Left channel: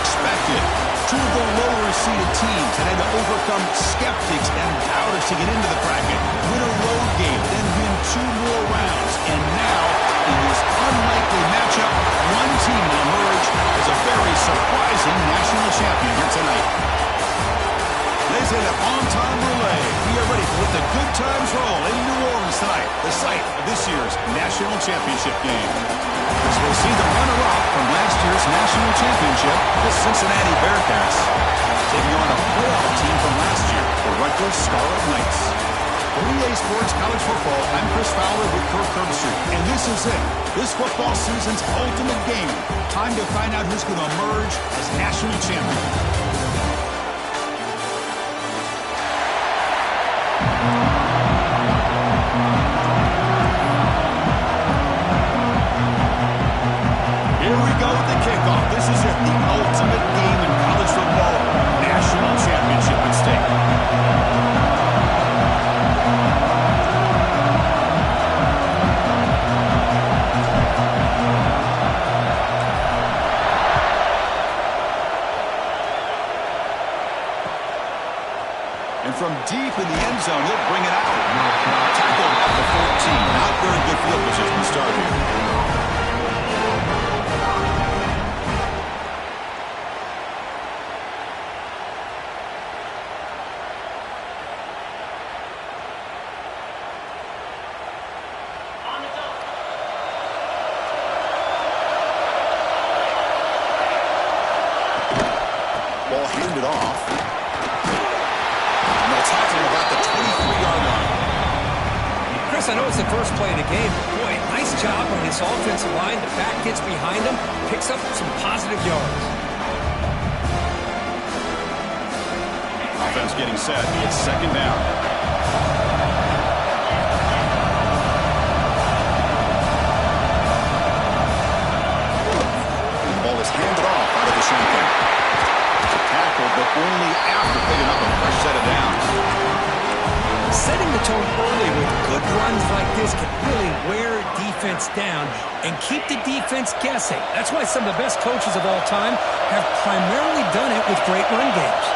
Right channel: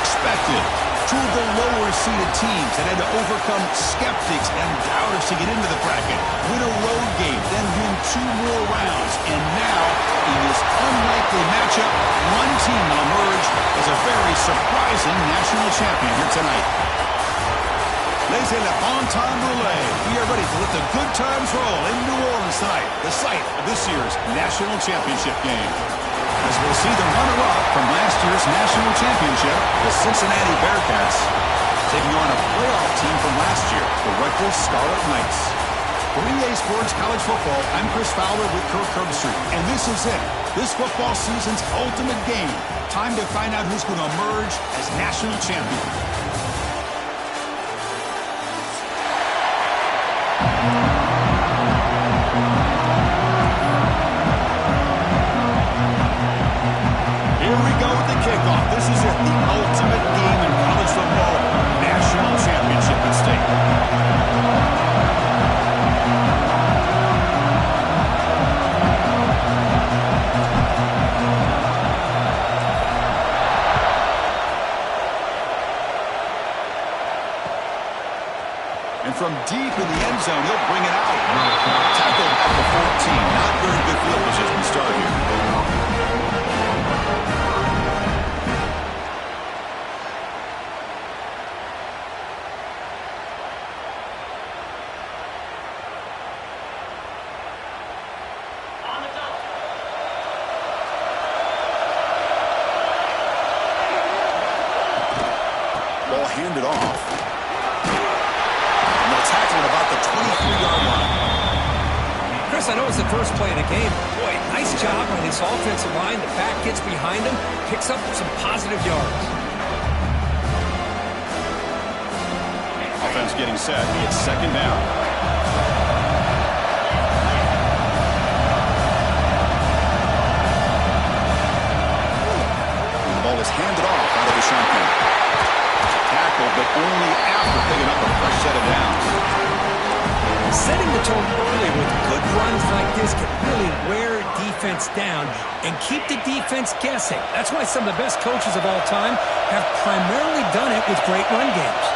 expected. Two of the lower-seeded teams that had to overcome skeptics and doubters to get into the bracket, win a road game, then win 2 more rounds. And now, in this unlikely matchup, one team will emerge as a very surprising national champion here tonight. Laissez le bon temps rouler. We are ready to let the good times roll in New Orleans tonight, the site of this year's national championship game. As we'll see the runner-up from last year's national championship, the Cincinnati Bearcats, taking on a playoff team from last year, the Rutgers Scarlet Knights. For EA Sports College Football, I'm Chris Fowler with Kirk Herbstreit, and this is it. This football season's ultimate game. Time to find out who's going to emerge as national champion. Here we go with the kickoff. This is it, the ultimate game in college football. National championship at stake. And from deep in the end zone, he'll bring it out. Tackled at the 14. Not very good field position to start here. Ball handed off. And they'll tackle him about the 23-yard line. Chris, I know it's the first play of the game, but boy, nice job on his offensive line. The back gets behind him, picks up some positive yards. Offense getting set. It's second down. The ball is handed off out of the shotgun. Tackled, but only after picking up a fresh set of downs. Setting the tone early with good runs like this can really wear defense down and keep the defense guessing. That's why some of the best coaches of all time have primarily done it with great run games.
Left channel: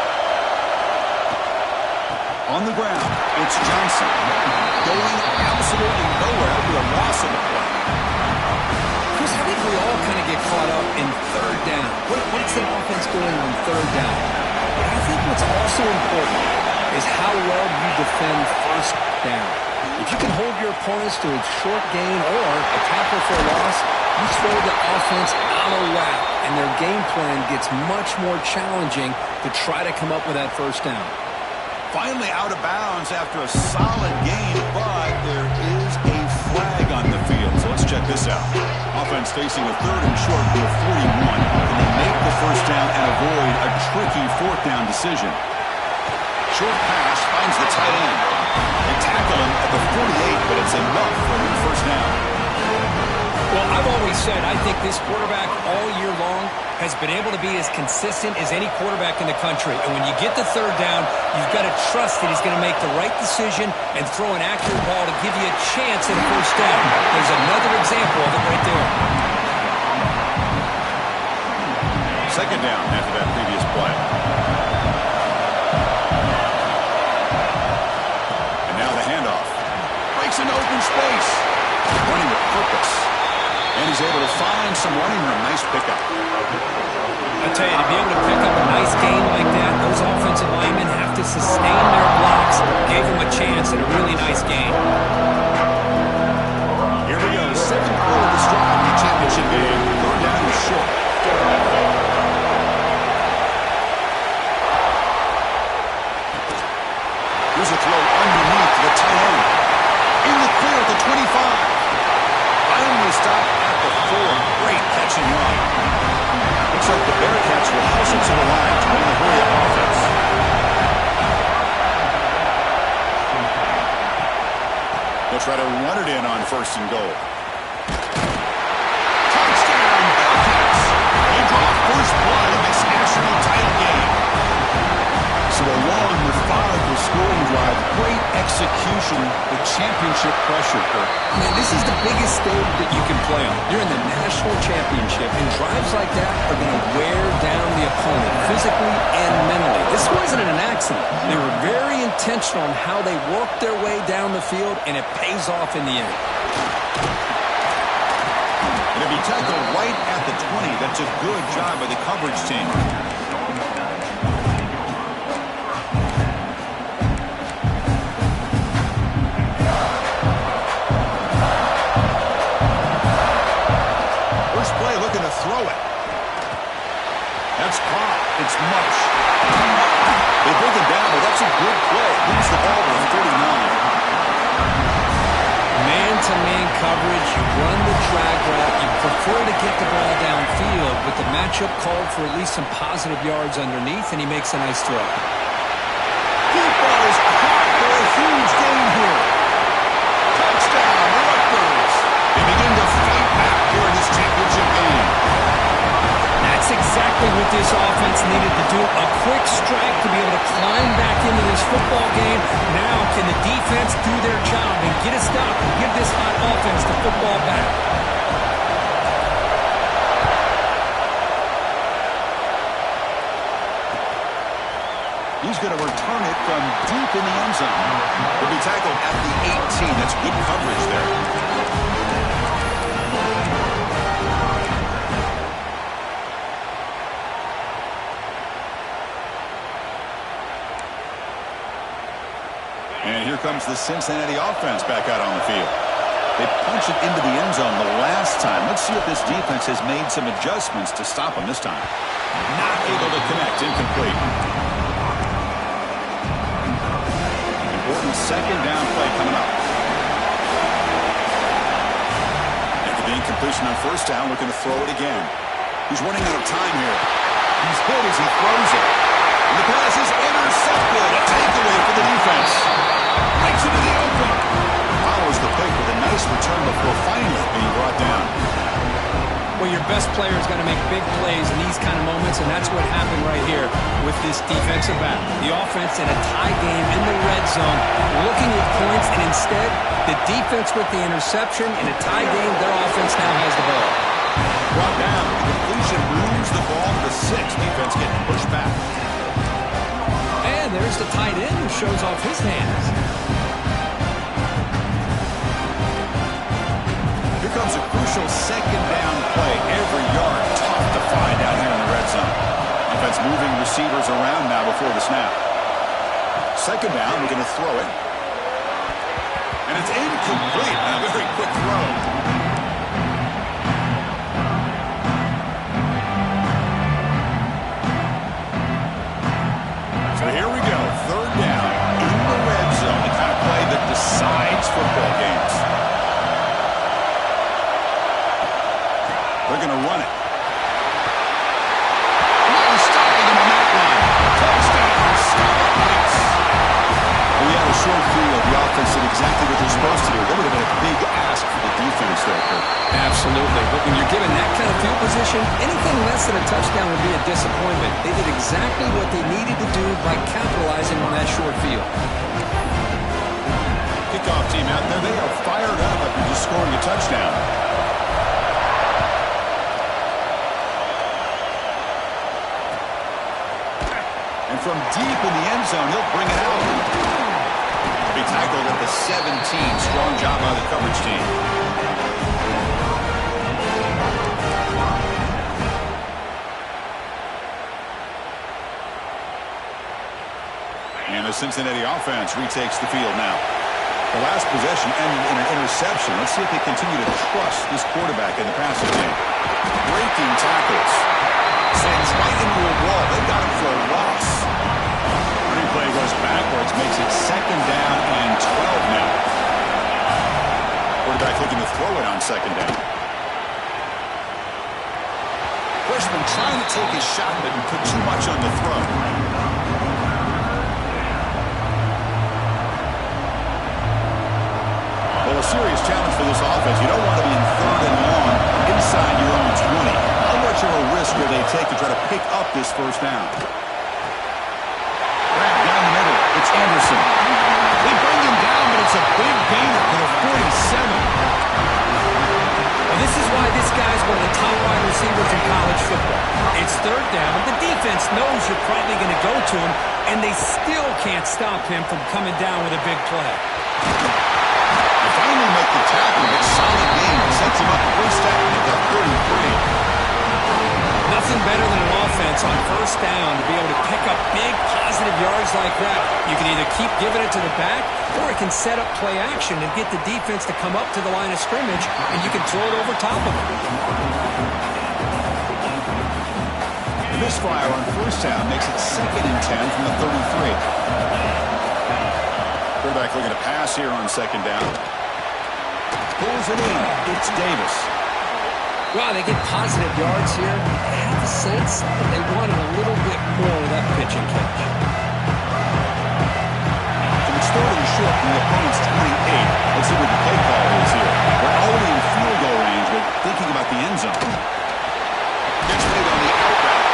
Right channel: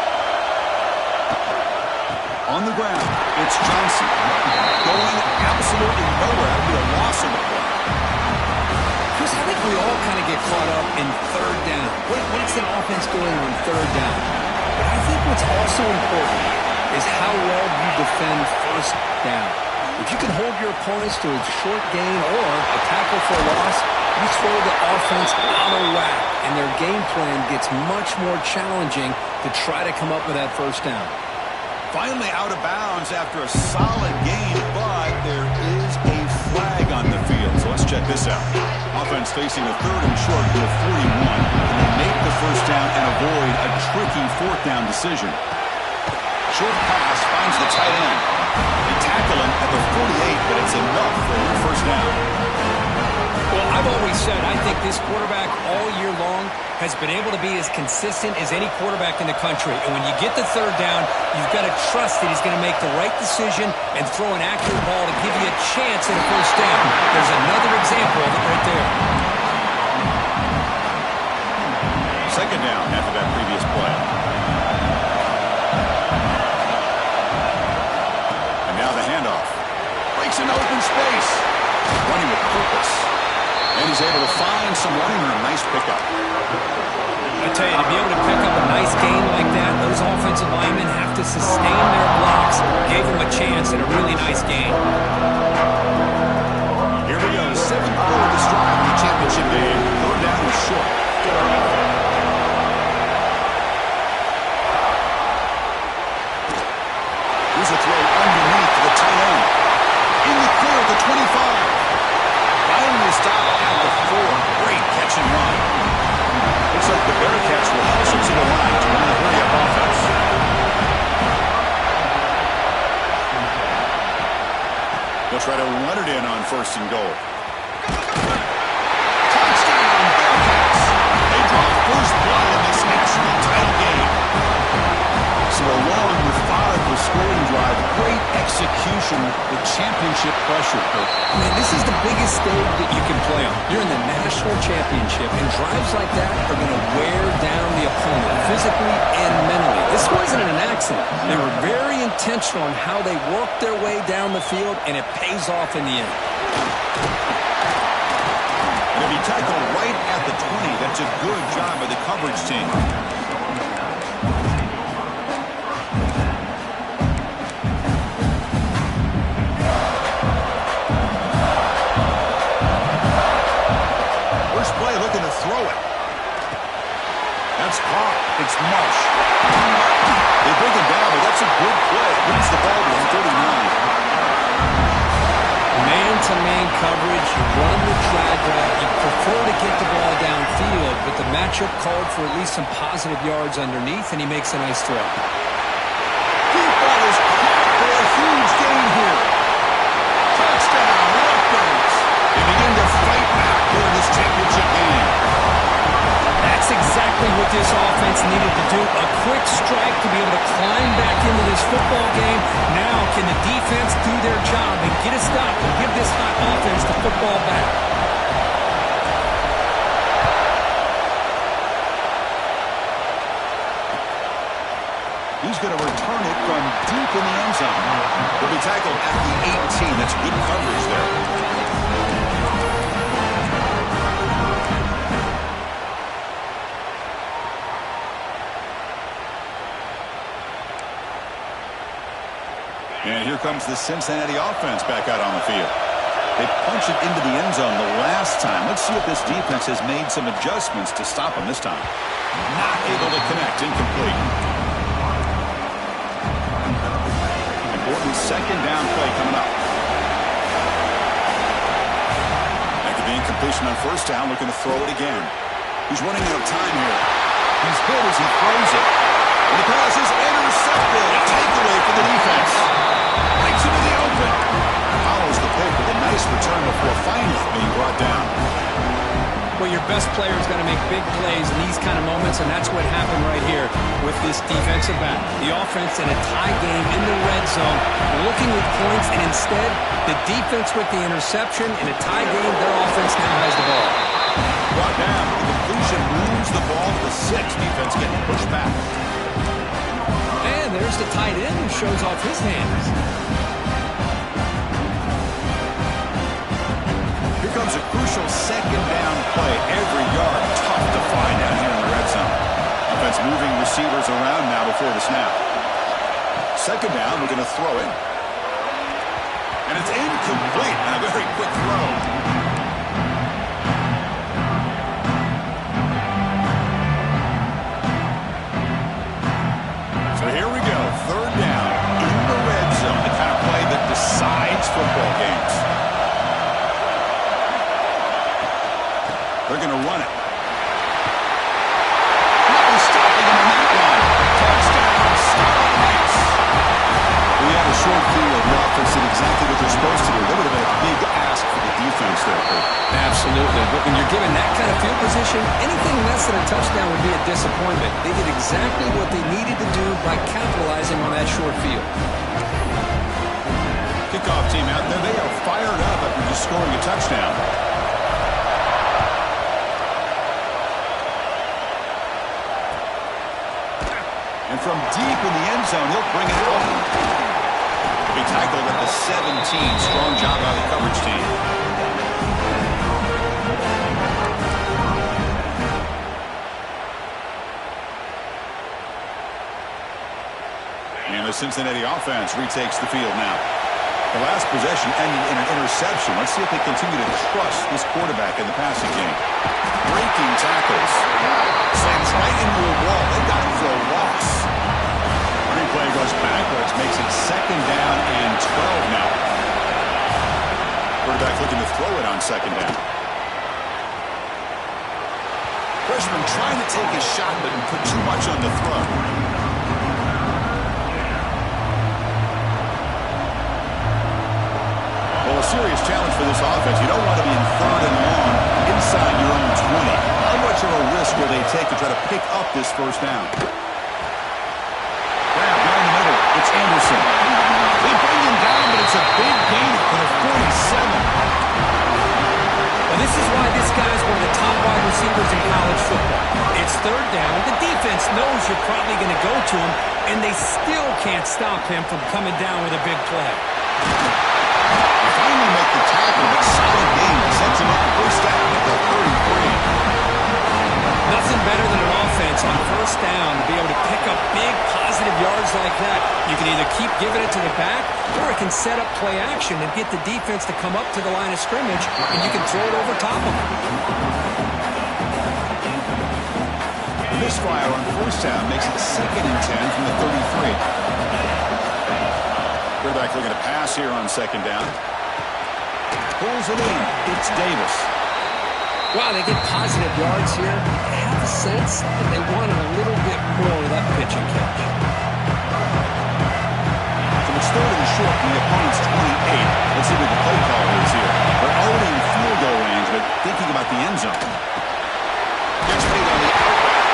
On the ground, it's Johnson. Going absolutely nowhere. That'll be a loss in the play. Chris, I think we all kind of get caught up in third down. What's the offense doing on third down? But I think what's also important is how well you defend first down. If you can hold your opponents to a short gain or a tackle for a loss, you throw the offense out of whack, and their game plan gets much more challenging to try to come up with that first down. Finally out of bounds after a solid gain, but there is a flag on the field. So let's check this out. Offense facing a third and short to a 41. Can they make the first down and avoid a tricky fourth down decision? Short pass finds the tight end. They tackle him at the 48, but it's enough for a new first down. Well, I've always said I think this quarterback all year long has been able to be as consistent as any quarterback in the country. And when you get the third down, you've got to trust that he's going to make the right decision and throw an accurate ball to give you a chance at a first down. There's another example of it right there. Second down after that previous play. And now the handoff. Breaks into open space. Running with purpose. And he's able to find some running room. Nice pickup. I tell you, to be able to pick up a nice gain like that, those offensive linemen have to sustain their blocks. Gave him a chance at a really nice gain. Here we go. Seventh quarter of this drive in the championship game. Third down is short. Here's a throw underneath to the tight end. In the clear at the 25. Finally stopped at the 4. Great catch and run. Looks like the Bearcats will hustle to the line to win the hurry-up offense. They'll try to run it in on first and goal. Touchdown, Bearcats! They draw first blood in this national title game. So a long methodical scoring drive. Great execution with championship pressure, Kirk. Man, this is the biggest stage that you can play on. You're in the national championship, and drives like that are going to wear down the opponent physically and mentally. This wasn't an accident. They were very intentional on how they worked their way down the field, and it pays off in the end. And if he tackled right at the 20, that's a good job by the coverage team. First play, looking to throw it. That's caught. It's Marsh. They bring him down, but that's a good play. Brings the ball to the 39. Man-to-man coverage, you run the drag route, you prefer to get the ball downfield, but the matchup called for at least some positive yards underneath, and he makes a nice throw. Deep ball is caught for a huge gain here. Touchdown, Rutgers. They begin to fight back here in this championship game. That's exactly what this offense needed to do. A quick strike to be able to climb back into this football game. Now can the defense do their job and get a stop and give this hot offense the football back? He's going to return it from deep in the end zone. He'll be tackled at the 18. That's good coverage there. And here comes the Cincinnati offense back out on the field. They punched it into the end zone the last time. Let's see if this defense has made some adjustments to stop them this time. Not able to connect. Incomplete. Important second down play coming up. After the incompletion on first down, looking to throw it again. He's running out of time here. He's hit as he throws it. And the pass is intercepted. A takeaway for the defense. Breaks into the open. Follows the pick with a nice return before finally being brought down. Well, your best player's got to make big plays in these kind of moments, and that's what happened right here with this defensive back. The offense in a tie game in the red zone, looking with points, and instead, the defense with the interception. In a tie game, their offense now has the ball. Brought down. The completion moves the ball to the 6. Defense getting pushed back. And there's the tight end who shows off his hands. Here comes a crucial second down play. Every yard tough to find down here in the red zone. Offense moving receivers around now before the snap. Second down, we're going to throw it. And it's incomplete. And a very quick throw. So here we go. Third down in the red zone. The kind of play that decides football games. They're going to run it. No stopping him on that line. Touchdown, Scarlet Knights. We had a short field. The offense did exactly what they're supposed to do. That would have been a big ask for the defense there, Kurt. Absolutely. But when you're given that kind of field position, anything less than a touchdown would be a disappointment. They did exactly what they needed to do by capitalizing on that short field. Kickoff team out there. They are fired up after just scoring a touchdown. And from deep in the end zone, he'll bring it out. He'll be tackled at the 17. Strong job by the coverage team. And the Cincinnati offense retakes the field now. The last possession ended in an interception. Let's see if they continue to trust this quarterback in the passing game. Breaking tackles. Slams right into a wall. They got him for a loss. Running play goes backwards, makes it second down and 12 now. Quarterback looking to throw it on second down. Freshman trying to take his shot, but put too much on the throw. Well, a serious challenge for this offense. You don't want to be in third and long inside your own 20. How much of a risk will they take to try to pick up this first down? Grab down the middle. Anderson. They bring him down, but it's a big gainer for the 47. Well, this is why this guy's one of the top wide receivers in college football. It's third down. The defense knows you're probably going to go to him, and they still can't stop him from coming down with a big play. You finally make the tackle, but solid gain sets him up first down at the 33. Nothing better than an offense on first down to be able to pick up big positive yards like that. You can either keep giving it to the back, or it can set up play action and get the defense to come up to the line of scrimmage, and you can throw it over top of them. The misfire on first down makes it 2nd and 10 from the 33. Quarterback looking to pass here on 2nd down. Pulls it in. It's Davis. Wow, they get positive yards here. I have a sense that they wanted a little bit more of that pitch and catch. So it's 3rd and short from the opponent's 28. Let's see what the play call is here. They're already in field goal range, but thinking about the end zone. Gets made on the out route.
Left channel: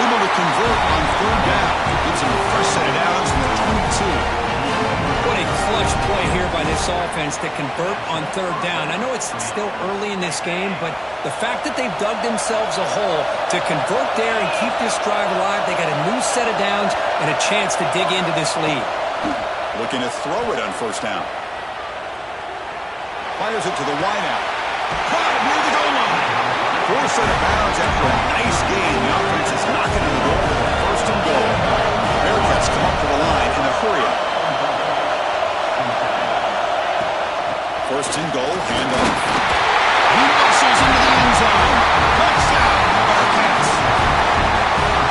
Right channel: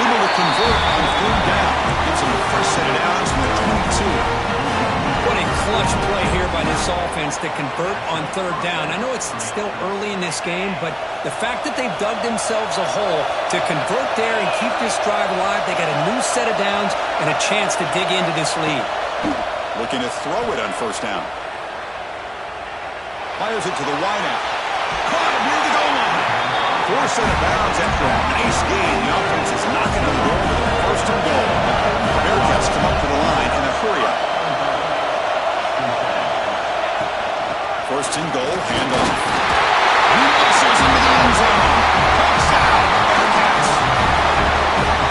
Able to convert on 3rd down. Gives them a fresh set of downs from the 22. What a clutch play here by this offense to convert on 3rd down. I know it's still early in this game, but the fact that they've dug themselves a hole to convert there and keep this drive alive, they got a new set of downs and a chance to dig into this lead. Looking to throw it on 1st down. Fires it to the wideout. Caught it near the goal line. 4 set of bounds after a nice gain. The offense is knocking on the door with a 1st and goal. The Bearcats come up to the line in a hurry-up. 1st and goal, handoff. He muscles into the end zone. Touchdown, Bearcats.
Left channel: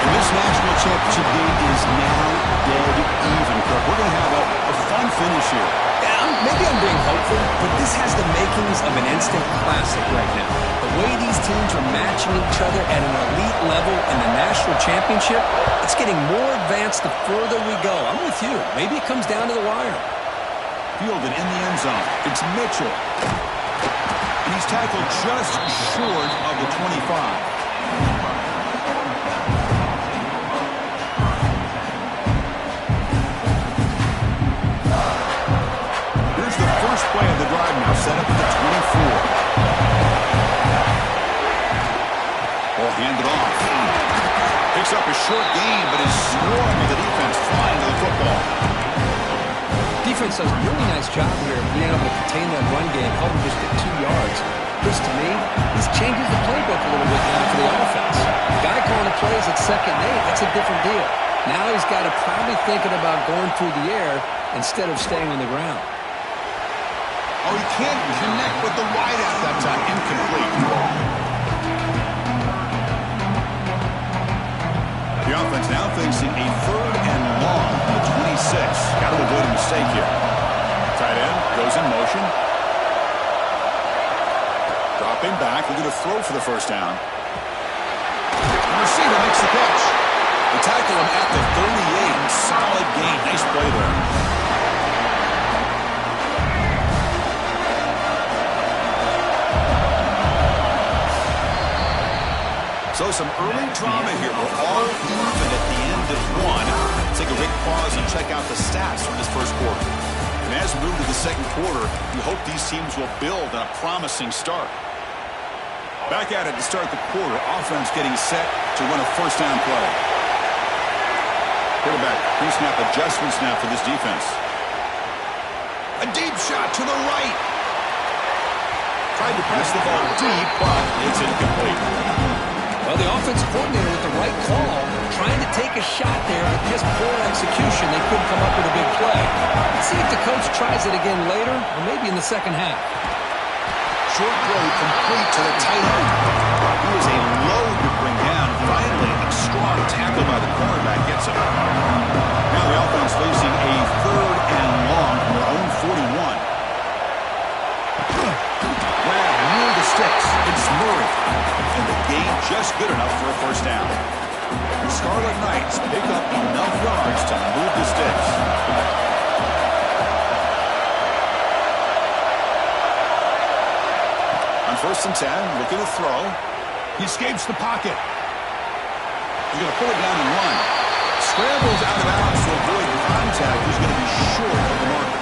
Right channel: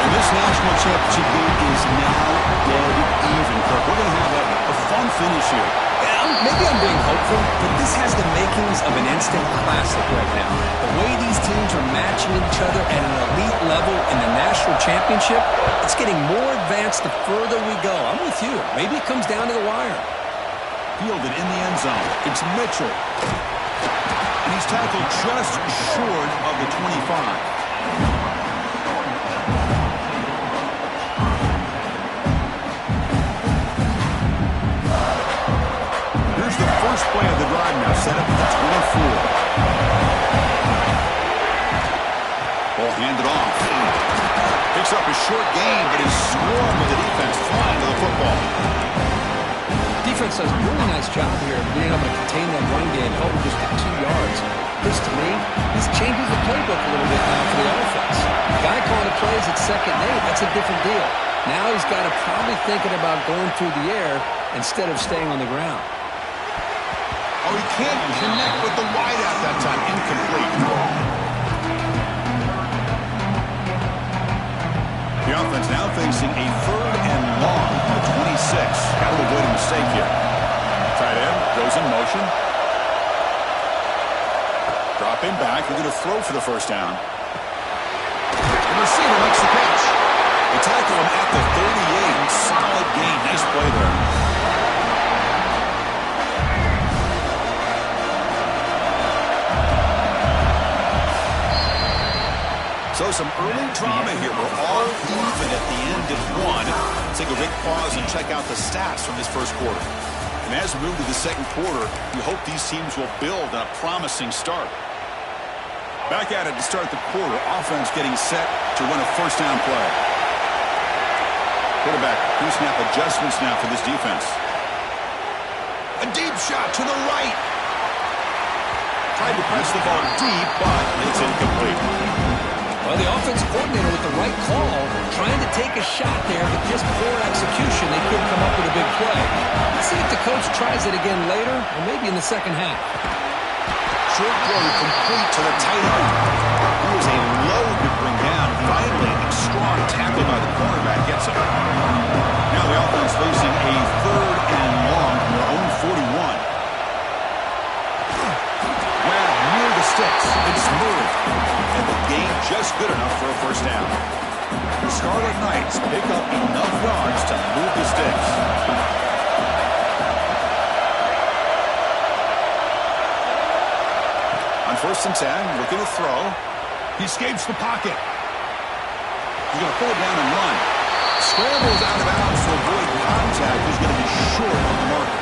And this national championship game is now dead even, Kirk. We're going to have a fun finish here. Yeah, maybe I'm being hopeful, but this has the makings of an instant classic right now. The way these teams are matching each other at an elite level in the national championship, it's getting more advanced the further we go. I'm with you. Maybe it comes down to the wire. Fielded in the end zone. It's Mitchell. And he's tackled just short of the 25. Here's the first play of the drive now, set up at the 24. Ball handed off. Picks up a short gain, but is swarmed with the defense flying to the football. Defense does a really nice job here of being able to contain that run game, held them just at 2 yards. This, to me, this changes the playbook a little bit now for the offense. The guy calling the plays at 2nd and 8, that's a different deal. Now he's got to probably thinking about going through the air instead of staying on the ground. Oh, he can't connect with the wideout that time. Incomplete. The offense now facing a 3rd and long from the 26. Got to avoid a mistake here. Tight end goes in motion. Dropping back, looking to throw for the 1st down. The receiver makes the catch. They tackle him at the 38. Solid gain. Nice play there. So some early drama here. We're all even at the end of 1. Let's take a quick pause and check out the stats from this 1st quarter. And as we move to the 2nd quarter, we hope these teams will build on a promising start. Back at it to start the quarter. Offense getting set to run a 1st down play. Quarterback pre-snap adjustments now for this defense. A deep shot to the right. Tried to press the ball deep, but it's incomplete. Well, the offensive coordinator with the right call, trying to take a shot there, but just poor execution. They couldn't come up with a big play. Let's see if the coach tries it again later, or maybe in the 2nd half. Short throw complete to the tight end. He was a load to bring down. Finally, a strong tackle by the cornerback gets him. Now the offense facing a 3rd and long from their own 41. Grab near the sticks. It's Murray. And the gain just good enough for a 1st down. The Scarlet Knights pick up enough yards to move the sticks. On 1st and 10, looking to throw. He escapes the pocket. He's going to pull it down and run. Scrambles out of bounds to avoid contact. He's going to short of the marker.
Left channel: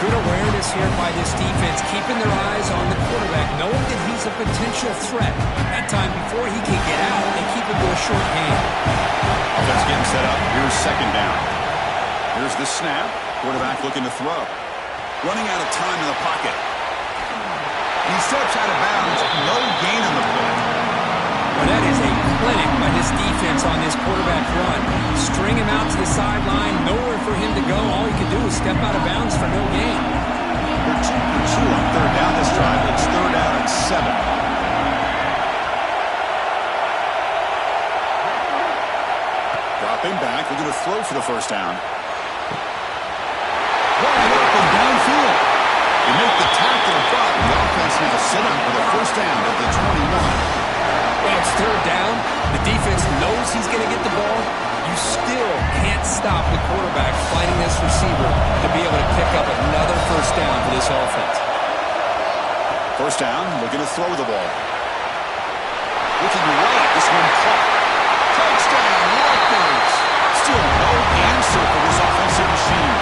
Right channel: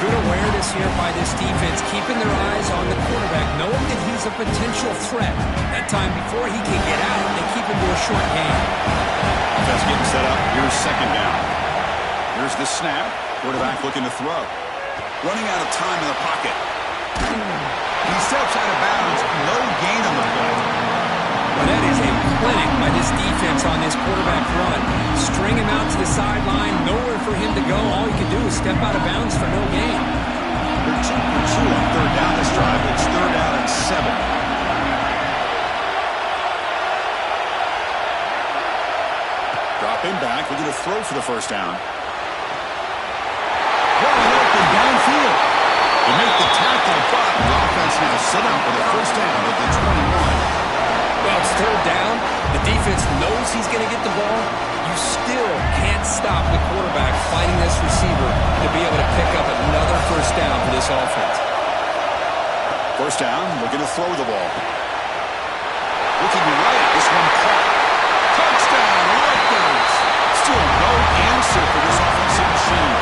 Good awareness here by this defense, keeping their eyes on the quarterback, knowing that he's a potential threat. That time, before he can get out, they keep him to a short gain. Offense getting set up. Here's second down. Here's the snap. Quarterback looking to throw. Running out of time in the pocket. He steps out of bounds. No gain on the play. Well, that is a clinic by this defense on this quarterback run. String him out to the sideline, nowhere for him to go. All he can do is step out of bounds for no gain. They're 2 for 2 on third down this drive. It's third down and 7. Dropping back, looking to throw for the first down. Wide open downfield. They make the tackle, but the offense now set up with a first down at the 21. Well, it's third down. The defense knows he's going to get the ball. You still can't stop the quarterback finding this receiver to be able to pick up another first down for this offense. First down, looking to throw the ball. Looking right, this one caught. Touchdown, Rutgers. Still no answer for this offensive machine.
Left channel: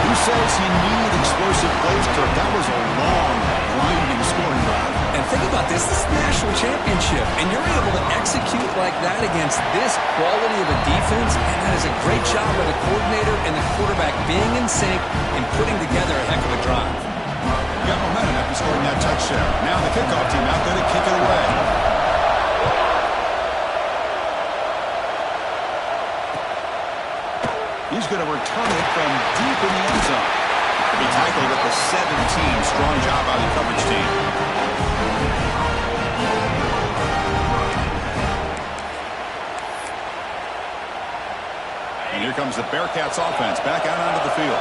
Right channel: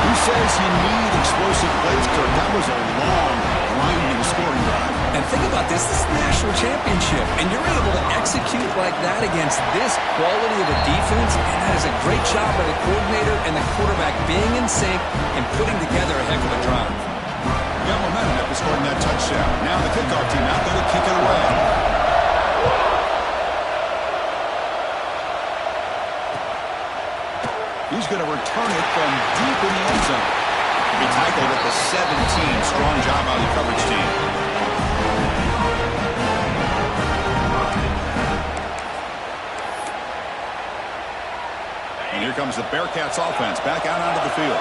Who says you need explosive plays, Kirk? That was a long, grinding scoring drive. And think about this. This is the national championship, and you're able to execute like that against this quality of a defense, and that is a great job by the coordinator and the quarterback being in sync and putting together a heck of a drive. Got momentum after scoring that touchdown. Now the kickoff team out there to kick it away. He's going to return it from deep in the end zone. To be tackled at the 17. Strong job by the coverage team. And here comes the Bearcats offense back out onto the field.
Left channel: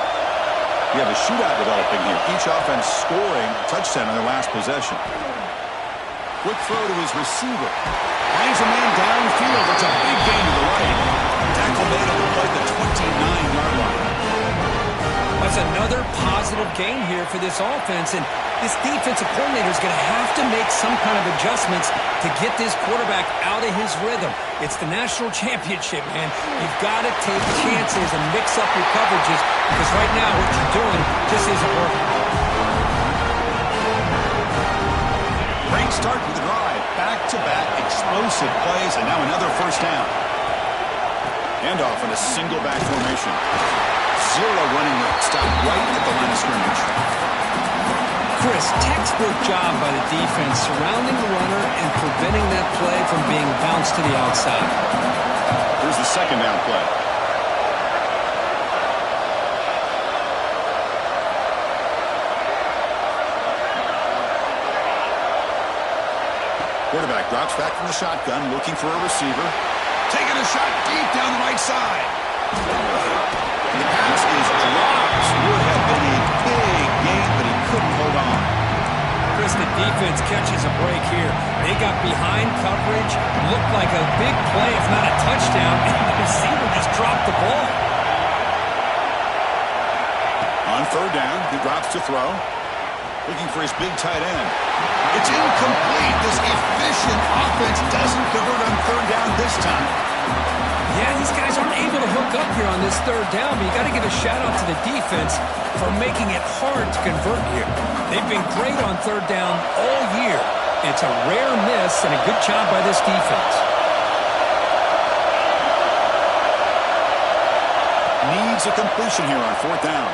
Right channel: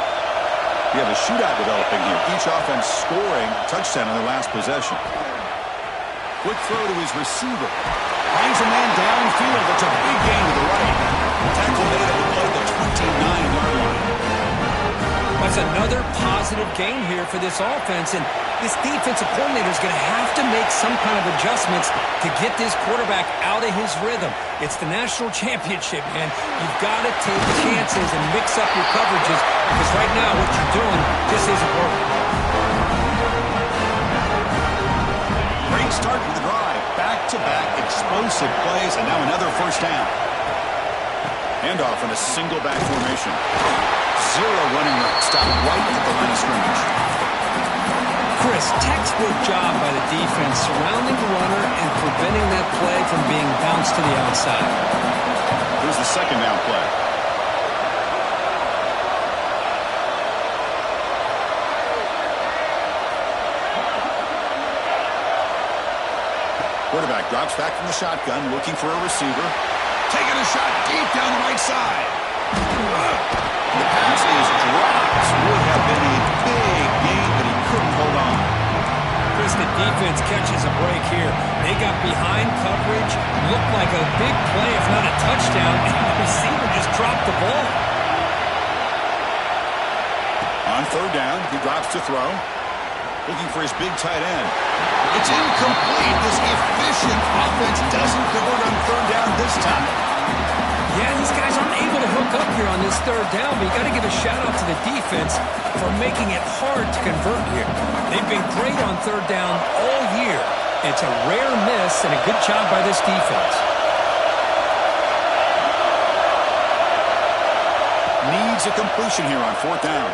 We have a shootout developing here. Each offense scoring a touchdown on their last possession. Quick throw to his receiver. Finds a man downfield. It's a big gain to the right. Tackle made on the play at the 29-yard line. That's another positive gain here for this offense, and this defensive coordinator is going to have to make some kind of adjustments to get this quarterback out of his rhythm. It's the national championship, man. You've got to take chances and mix up your coverages, because right now what you're doing just isn't working. Great start to the drive. Back-to-back explosive plays, and now another first down. Handoff in a single back formation. Zero running room. Stop right at the line of scrimmage. Chris, textbook job by the defense surrounding the runner and preventing that play from being bounced to the outside. Here's the second down play. Quarterback drops back from the shotgun, looking for a receiver. Taking a shot deep down the right side. The pass is dropped. Would have been a big gain, but he couldn't hold on. Chris, the defense catches a break here. They got behind coverage, looked like a big play, if not a touchdown, and the receiver just dropped the ball. On third down, he drops to throw. Looking for his big tight end. It's incomplete. This efficient offense doesn't convert on third down this time. Yeah, these guys aren't able to hook up here on this third down, but you got to give a shout-out to the defense for making it hard to convert here. They've been great on third down all year. It's a rare miss and a good job by this defense. Needs a completion here on fourth down.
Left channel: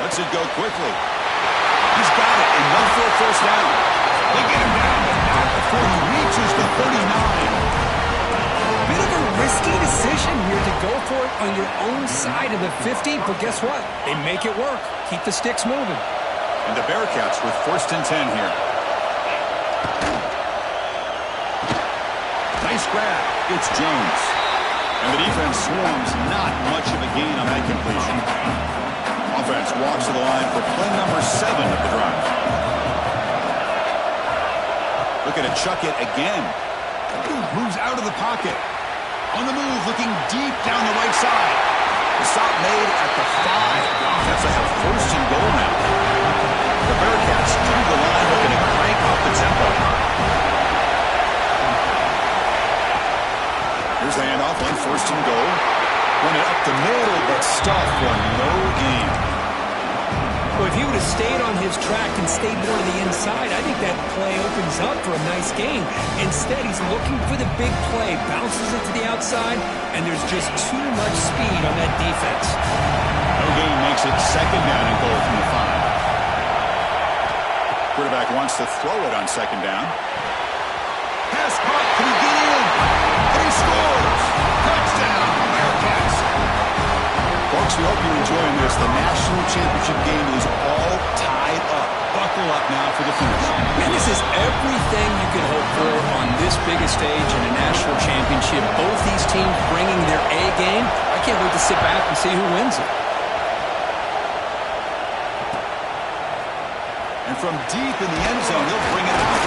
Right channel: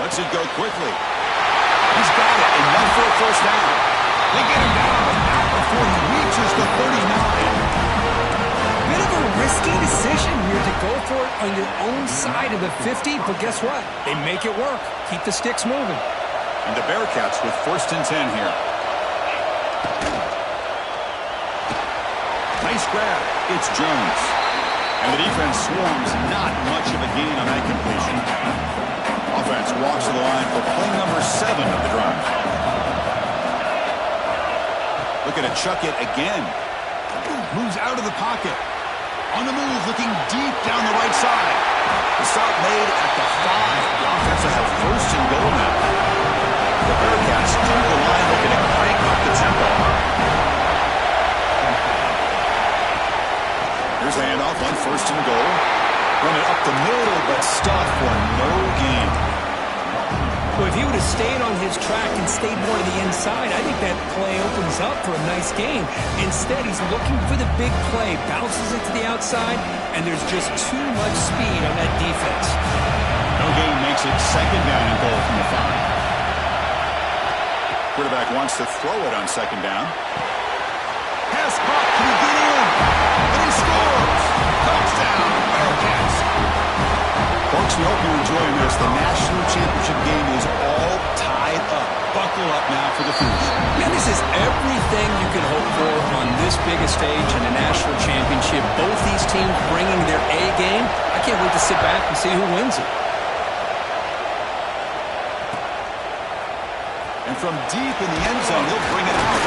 Lets it go quickly. He's got it, enough for a first down. They get him down, but not before he reaches the 39. Bit of a risky decision here to go for it on your own side of the 50, but guess what? They make it work. Keep the sticks moving. And the Bearcats with first and 10 here. Nice grab. It's Jones. And the defense swarms, not much of a gain on that completion. Offense walks to the line for play number 7 of the drive. Looking to chuck it again. Moves out of the pocket. On the move, looking deep down the right side. The stop made at the 5. The offense will have first and goal now. The Bearcats through the line, looking to crank up the tempo. Here's the handoff on first and goal. Run it up the middle, but stuffed for no gain. Well, if he would have stayed on his track and stayed more to the inside, I think that play opens up for a nice game. Instead, he's looking for the big play, bounces it to the outside, and there's just too much speed on that defense. No gain makes it second down and goal from the 5. Quarterback wants to throw it on second down. Pass caught. Can he get in? And he scores. Touchdown, Bearcats. Folks, we hope you're enjoying this. The national championship game is all tied up. Buckle up now for the finish. Man, this is everything you could hope for on this biggest stage in a national championship. Both these teams bringing their A game. I can't wait to sit back and see who wins it. And from deep in the end zone, he'll bring it out.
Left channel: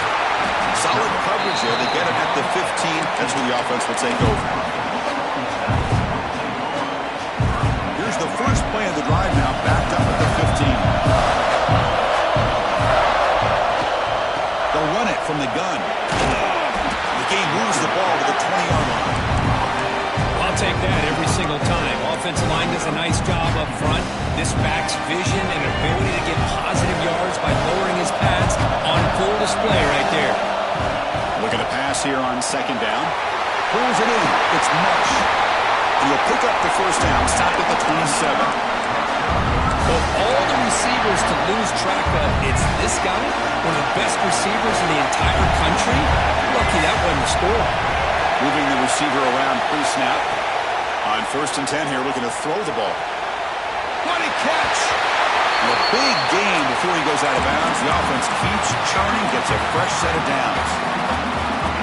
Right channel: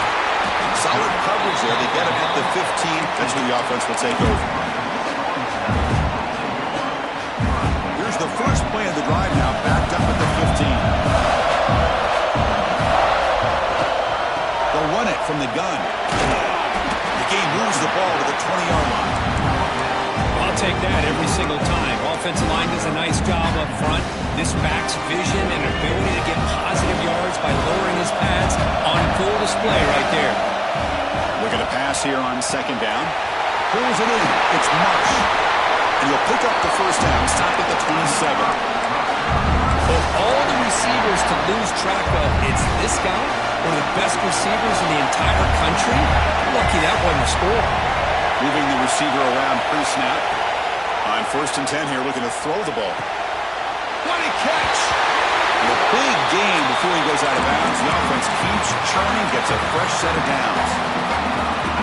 Solid coverage there. They get him at the 15. That's who the offense will take over. Here's the first play of the drive now, backed up at the 15. They'll run it from the gun. The game moves the ball to the 20-yard line. I'll take that every single time. Offensive line does a nice job up front. This back's vision and ability to get positive yards by lowering his pads on full display right there. Look at a pass here on second down. Pulls it in. It's Marsh. And he'll pick up the first down, stopped at the 27. Of all the receivers to lose track of, it's this guy, one of the best receivers in the entire country. Lucky that wasn't a score. Moving the receiver around pre-snap. On 1st and 10 here, looking to throw the ball. What a catch! And a big gain before he goes out of bounds. The offense keeps churning, gets a fresh set of downs.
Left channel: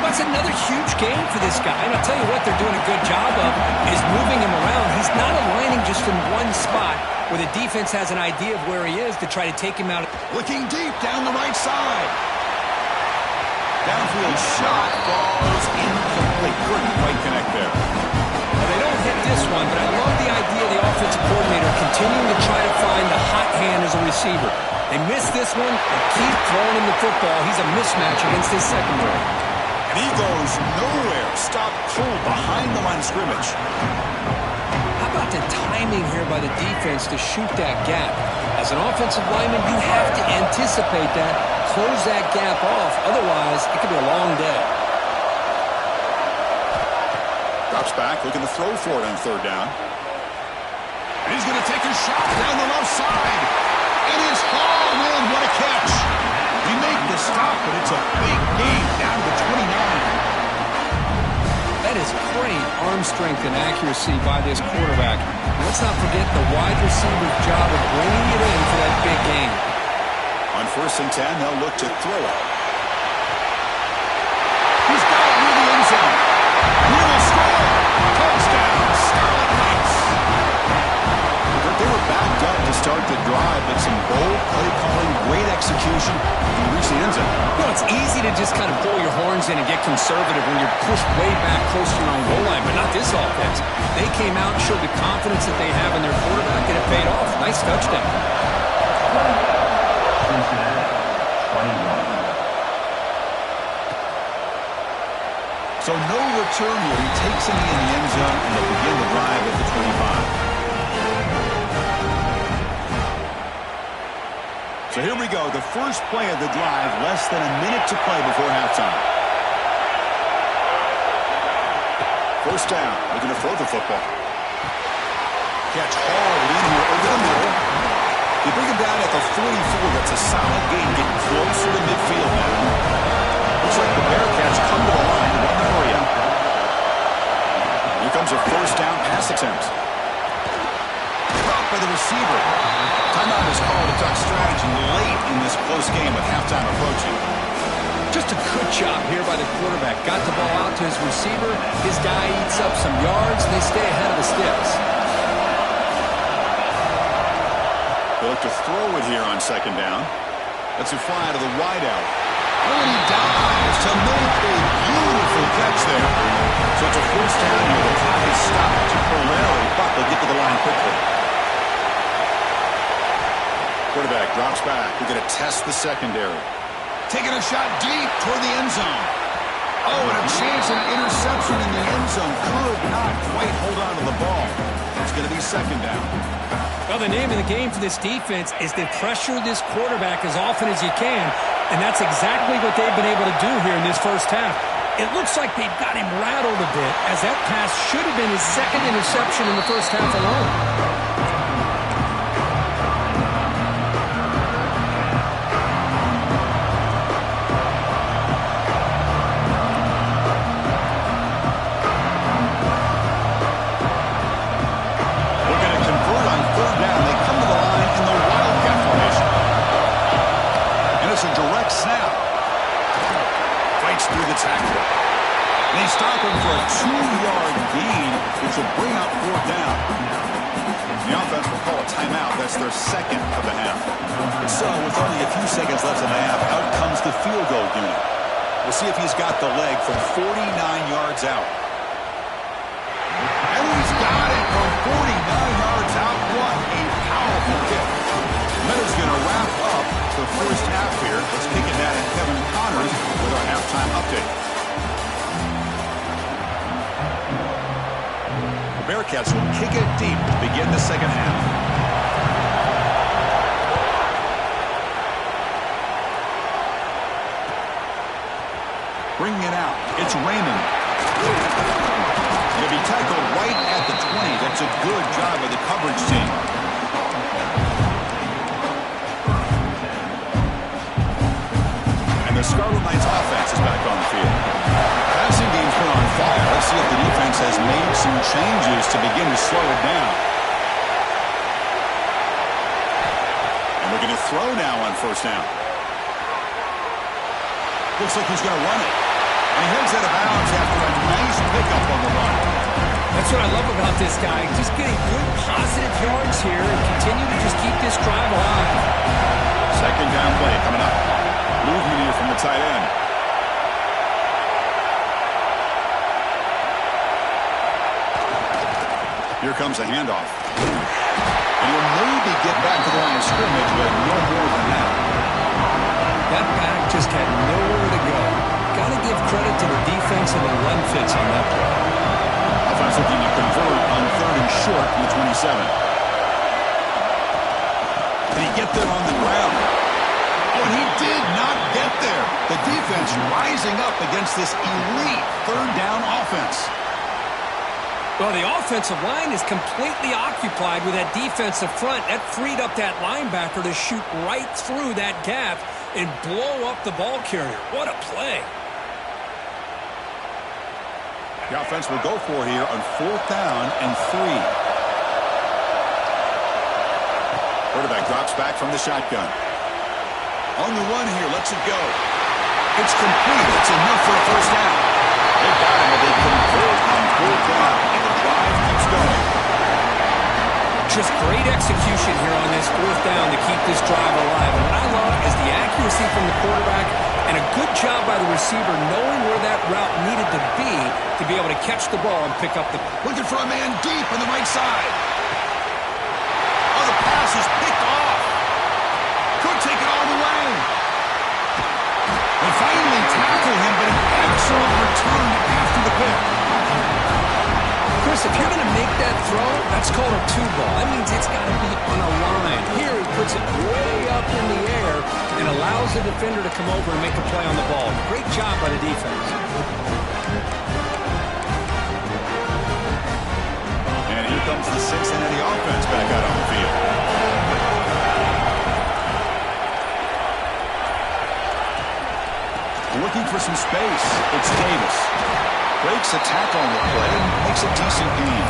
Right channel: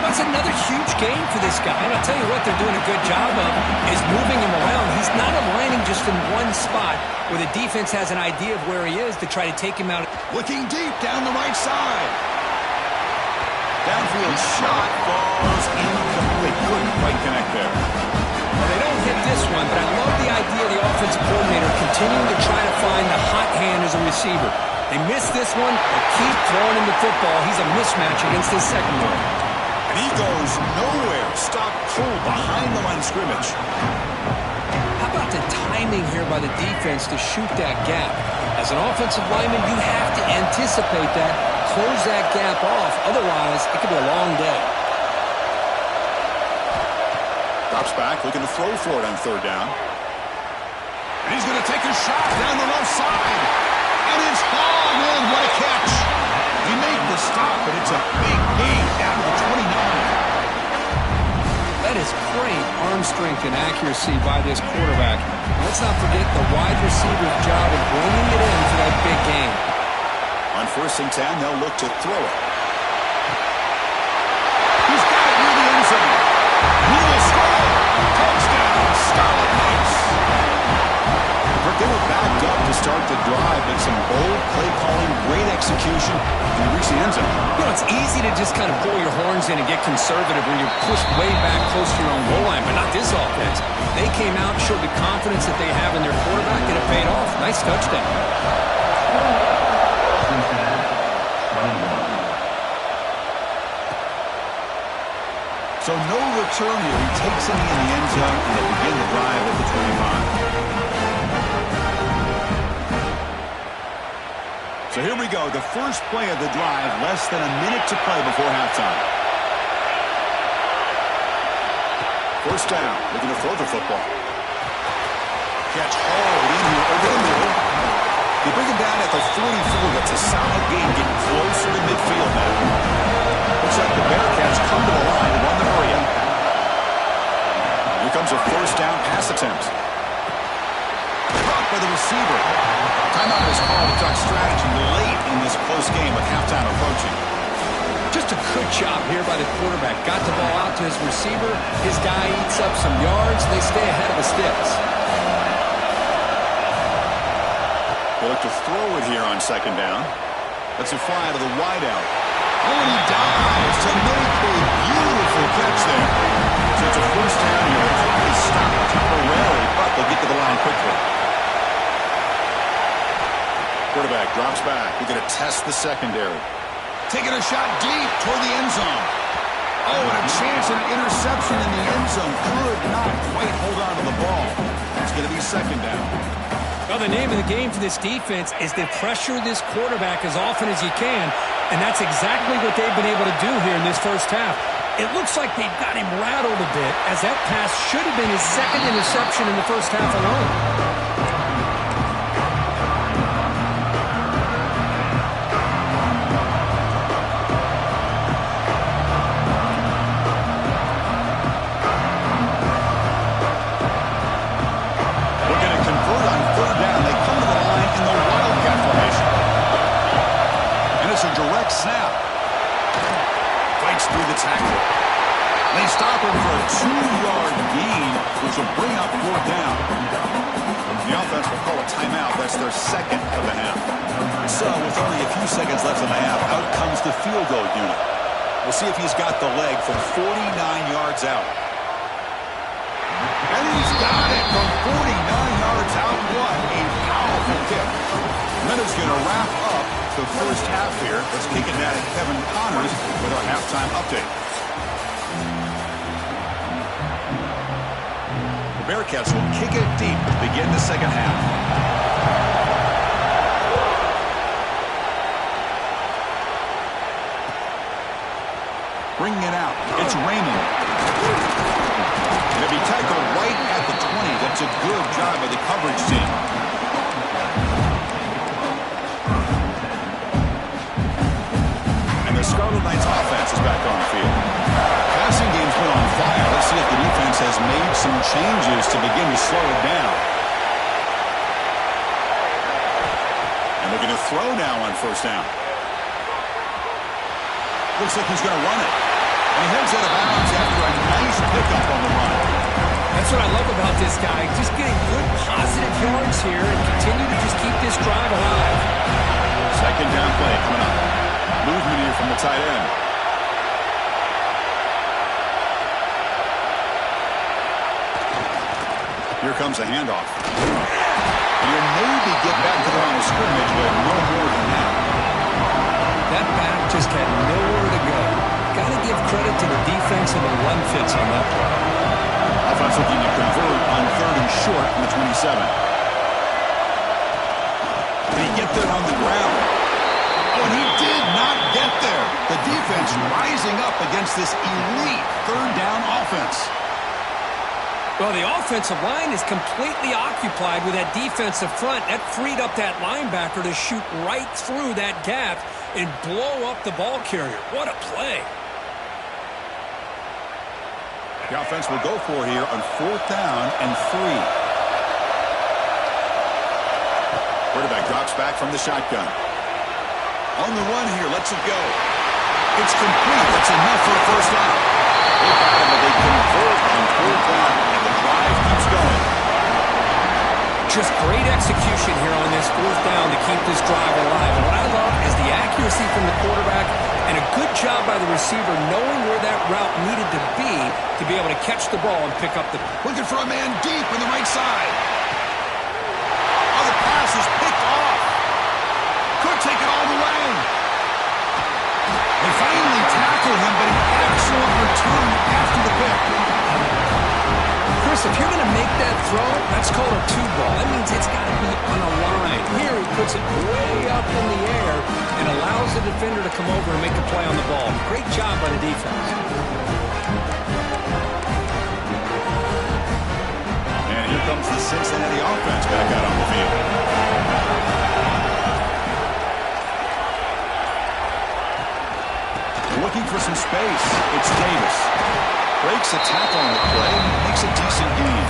That's another huge game for this guy. And I'll tell you what they're doing a good job of is moving him around. He's not aligning just in one spot where the defense has an idea of where he is to try to take him out. Looking deep down the right side. Downfield shot falls incomplete. Couldn't quite connect there. Well, they don't hit this one, but I love the idea of the offensive coordinator continuing to try to find the hot hand as a receiver. They miss this one and keep throwing him the football. He's a mismatch against his secondary. And he goes nowhere. Stop cold behind the line of scrimmage. How about the timing here by the defense to shoot that gap? As an offensive lineman, you have to anticipate that, close that gap off. Otherwise, it could be a long day. Drops back, looking to throw for it on 3rd down. And he's going to take a shot down the left side. And it's hauled in. What a catch. He made the stop, but it's a big gain down to the 29. That is great arm strength and accuracy by this quarterback. And let's not forget the wide receiver's job of bringing it in for that big gain. On 1st and 10, they'll look to throw it. He's got it near the end zone. And he will score. Touchdown, Scarlet Knights. They were backed up to start the drive, but some bold play calling, great execution, and they reached the end zone. You know, it's easy to just kind of pull your horns in and get conservative when you're pushed way back close to your own goal line, but not this offense. They came out, showed the confidence that they have in their quarterback, and it paid off. Nice touchdown. Cincinnati, 21. So no return here. He takes it in the end zone, and they'll begin the drive at the 25. So here we go, the first play of the drive, less than a minute to play before halftime. 1st down, looking to throw the football. Catch hauled in here over the middle. They bring him down at the 44. That's a solid gain, getting closer to midfield now. Looks like the Bearcats come to the line to run the hurry up. Here comes a 1st down pass attempt. Caught by the receiver. Timeout is called to talk strategy late in this close game with halftime approaching. Just a good job here by the quarterback. Got the ball out to his receiver. His guy eats up some yards. They stay ahead of the sticks. They look to throw it here on 2nd down. That's a fly to the wideout. Oh, and he dives to make a beautiful catch there. So it's a 1st down here. The clock is stopped temporarily, but they'll get to the line quickly. Quarterback drops back. We're going to test the secondary. Taking a shot deep toward the end zone. Oh, and a chance at an interception in the end zone. Could not quite hold on to the ball. It's going to be second down. Well, the name of the game for this defense is to pressure this quarterback as often as you can, and that's exactly what they've been able to do here in this first half. It looks like they've got him rattled a bit, as that pass should have been his second interception in the first half alone. It's a direct snap. Fights through the tackle. They stop him for a 2-yard gain, which will bring up fourth down. The offense will call a timeout. That's their second of the half. So with only a few seconds left in the half, out comes the field goal unit. We'll see if he's got the leg from 49 yards out. And he's got it from 49 yards out. What a powerful kick. That is going to wrap up the first half here. Let's kick it down to Kevin Connors with our halftime update. The Bearcats will kick it deep to begin the second half. Bringing it out. It's Raymond. It'll be tackled right at the 20. That's a good job of the coverage team. The Scarlet Knights offense is back on the field. Passing game's been on fire. Let's see if the defense has made some changes to begin to slow it down. And looking to throw now on first down. Looks like he's going to run it. And he heads out of bounds after a nice pickup on the run. That's what I love about this guy. Just getting good positive yards here and continue to just keep this drive alive. Second down play coming up. Movement here from the tight end. Here comes a handoff. And he'll maybe get back to the line of scrimmage, but no more than that. That back just had nowhere to go. Got to give credit to the defense and the run fits on that play. Offense looking to convert on third and short from the 27. Did he get there on the ground? Oh, and he did not get there. The defense rising up against this elite third down offense. Well, the offensive line is completely occupied with that defensive front. That freed up that linebacker to shoot right through that gap and blow up the ball carrier. What a play. The offense will go for here on fourth down and 3. Quarterback drops back from the shotgun. On the run here, lets it go. It's complete. That's enough for a first down. They got him, but they convert on fourth down, and the drive keeps going. Just great execution here on this fourth down to keep this drive alive. And what I love is the accuracy from the quarterback and a good job by the receiver knowing where that route needed to be able to catch the ball and pick up the... Looking for a man deep on the right side. Oh, the pass is picked off. Could take it all the way. They finally tackle him, but an excellent return after the pick. Chris, if you're going to make that throw, that's called a 2-ball. That means it's got to be on a line. Here he puts it way up in the air and allows the defender to come over and make a play on the ball. Great job by the defense. And here comes the Cincinnati offense back out on the field. Looking for some space. It's Davis. Breaks a tackle on the play and makes a decent gain.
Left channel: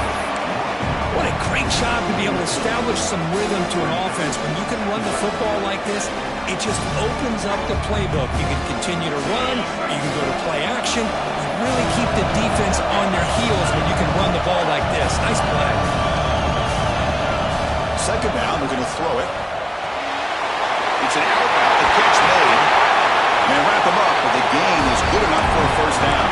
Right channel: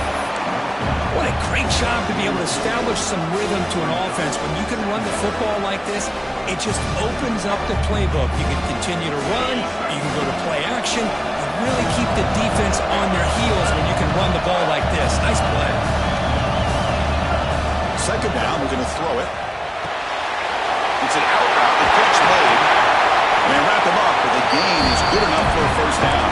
What a great job to be able to establish some rhythm to an offense. When you can run the football like this, it just opens up the playbook. You can continue to run. You can go to play action. You really keep the defense on their heels when you can run the ball like this. Nice play. Second down, we're going to throw it. It's an out route. The catch made. They wrap him up, but the gain is good enough for a first down.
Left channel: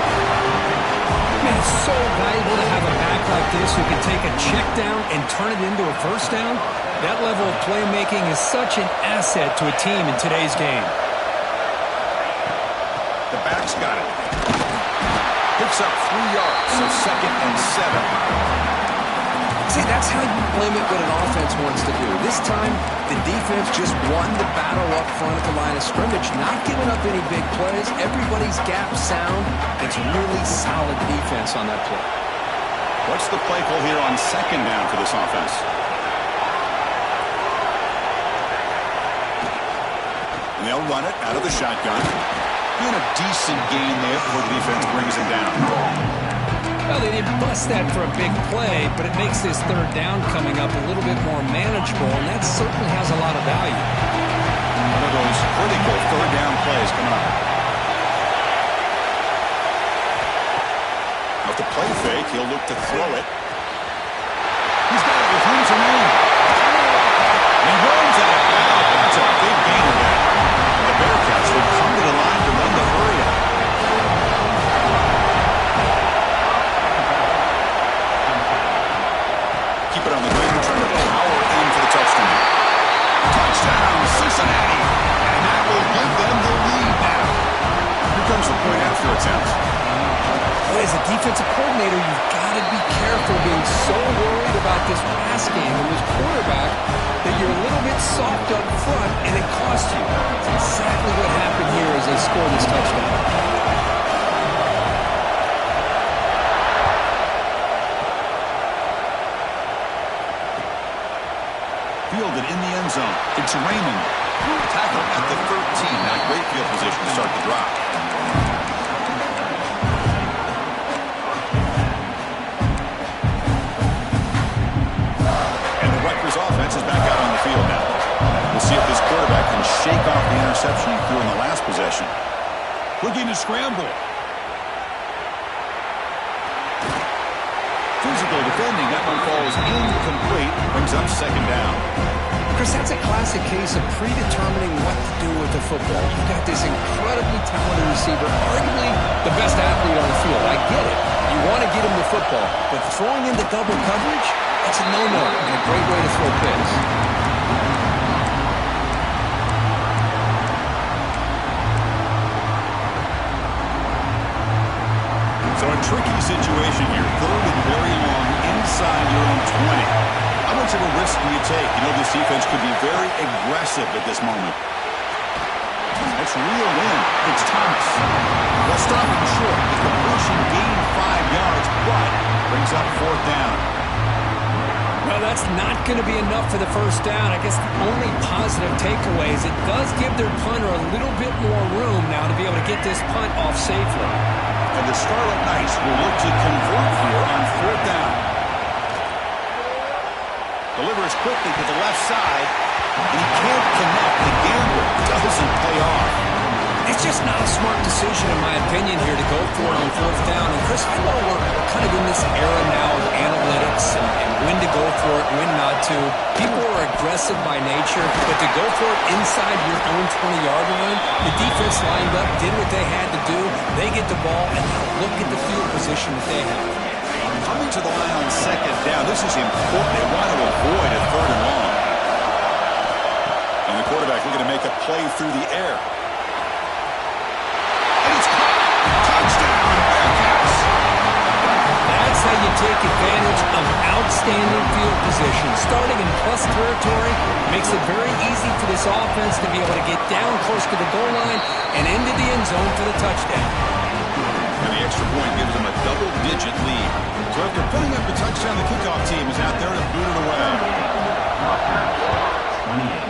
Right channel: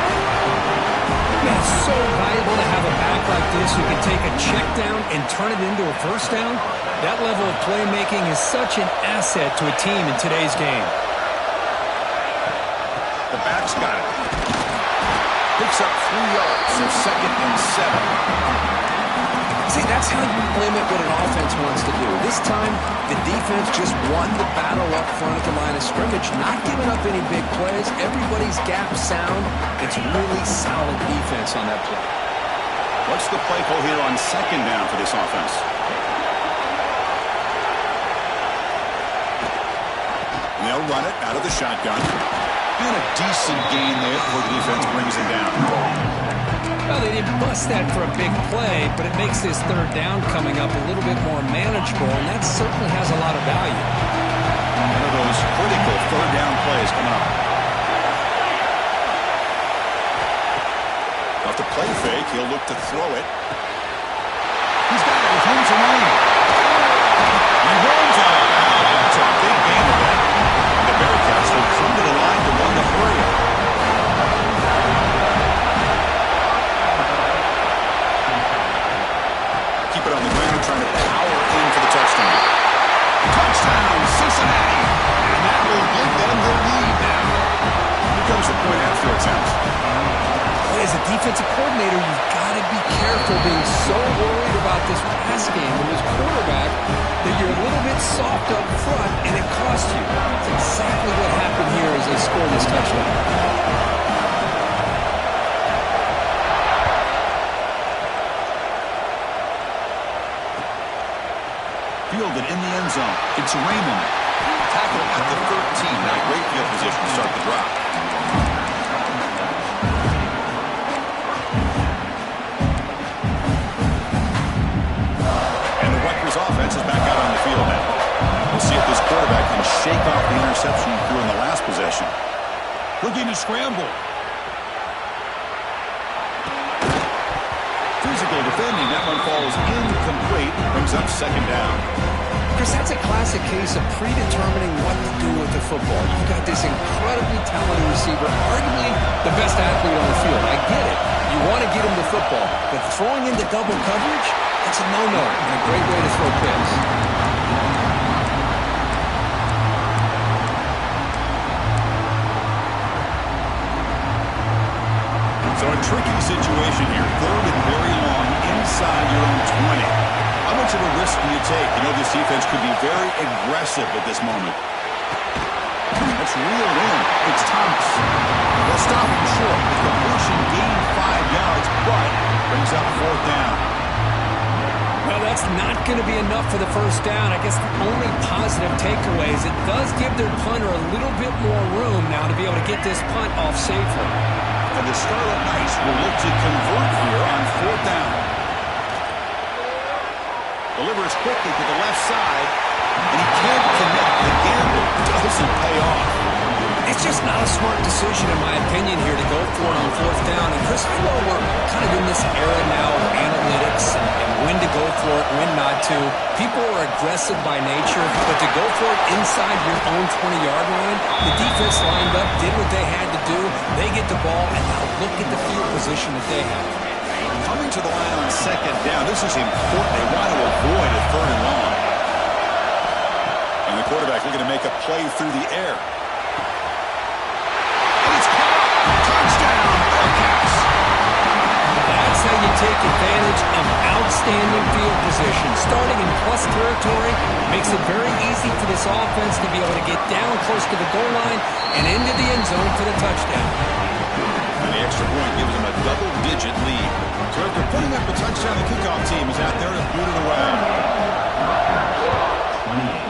Man, it's so valuable to have a back like this who can take a check down and turn it into a first down. That level of playmaking is such an asset to a team in today's game. The back's got it. Picks up 3 yards, so second and 7. See, that's how you limit what an offense wants to do. This time, the defense just won the battle up front at the line of scrimmage, not giving up any big plays. Everybody's gap sound. It's really solid defense on that play. What's the play call here on second down for this offense? And they'll run it out of the shotgun. And a decent gain there before the defense brings him down. Well, they didn't bust that for a big play, but it makes this third down coming up a little bit more manageable, and that certainly has a lot of value. One of those critical third down plays coming up. Off the play fake, he'll look to throw it. He's got it with room to run. He runs out of bounds. That's a big gain of that. And the Bearcats will come to the line to run the hurry up. Keep it on the ground, trying to power in for the touchdown. Touchdown, Cincinnati! And that will give them the lead now. Here comes the point after attempt. As a defensive coordinator, you've got to be careful being so worried about this pass game and this quarterback that you're a little bit soft up front and it costs you. That's exactly what happened here as they scored this touchdown. Fielded in the end zone. It's Raymond. Tackle at the 13. Not great field position to start the drop. And the Rutgers offense is back out on the field now. We'll see if this quarterback can shake off the interception he threw in the last possession. Looking to scramble. Physical defending. That one falls incomplete. Brings up second down. Chris, that's a classic case of predetermining what to do with the football. You've got this incredibly talented receiver, arguably the best athlete on the field. I get it. You want to get him the football, but throwing into double coverage, that's a no-no and a great way to throw picks. So a tricky situation here. Third and very long inside your own 20. How much of a risk do you take? You know this defense could be very aggressive at this moment. That's reeled in. It's Thomas. Well, stopping short. The completion gained 5 yards, but brings up fourth down. Well, that's not going to be enough for the first down. I guess the only positive takeaway is it does give their punter a little bit more room now to be able to get this punt off safely. And the Scarlet Knights will look to convert here on fourth down. Delivers quickly to the left side, and he can't connect. The gamble doesn't pay off. It's just not a smart decision, in my opinion, here to go for it on fourth down. And, Chris, I know we're kind of in this era now of analytics and when to go for it, when not to. People are aggressive by nature, but to go for it inside your own 20-yard line, the defense lined up, did what they had to do. They get the ball, and now look at the field position that they have. Coming to the line on second down, this is important. They want to avoid a third and long. And the quarterback looking to make a play through the air. And it's caught! Touchdown, Bearcats! That's how you take advantage of outstanding field position. Starting in plus territory makes it very easy for this offense to be able to get down close to the goal line and into the end zone for the touchdown. And the extra point gives them a double-digit lead. So after putting up the touchdown, the kickoff team is out there to boot it away. 28.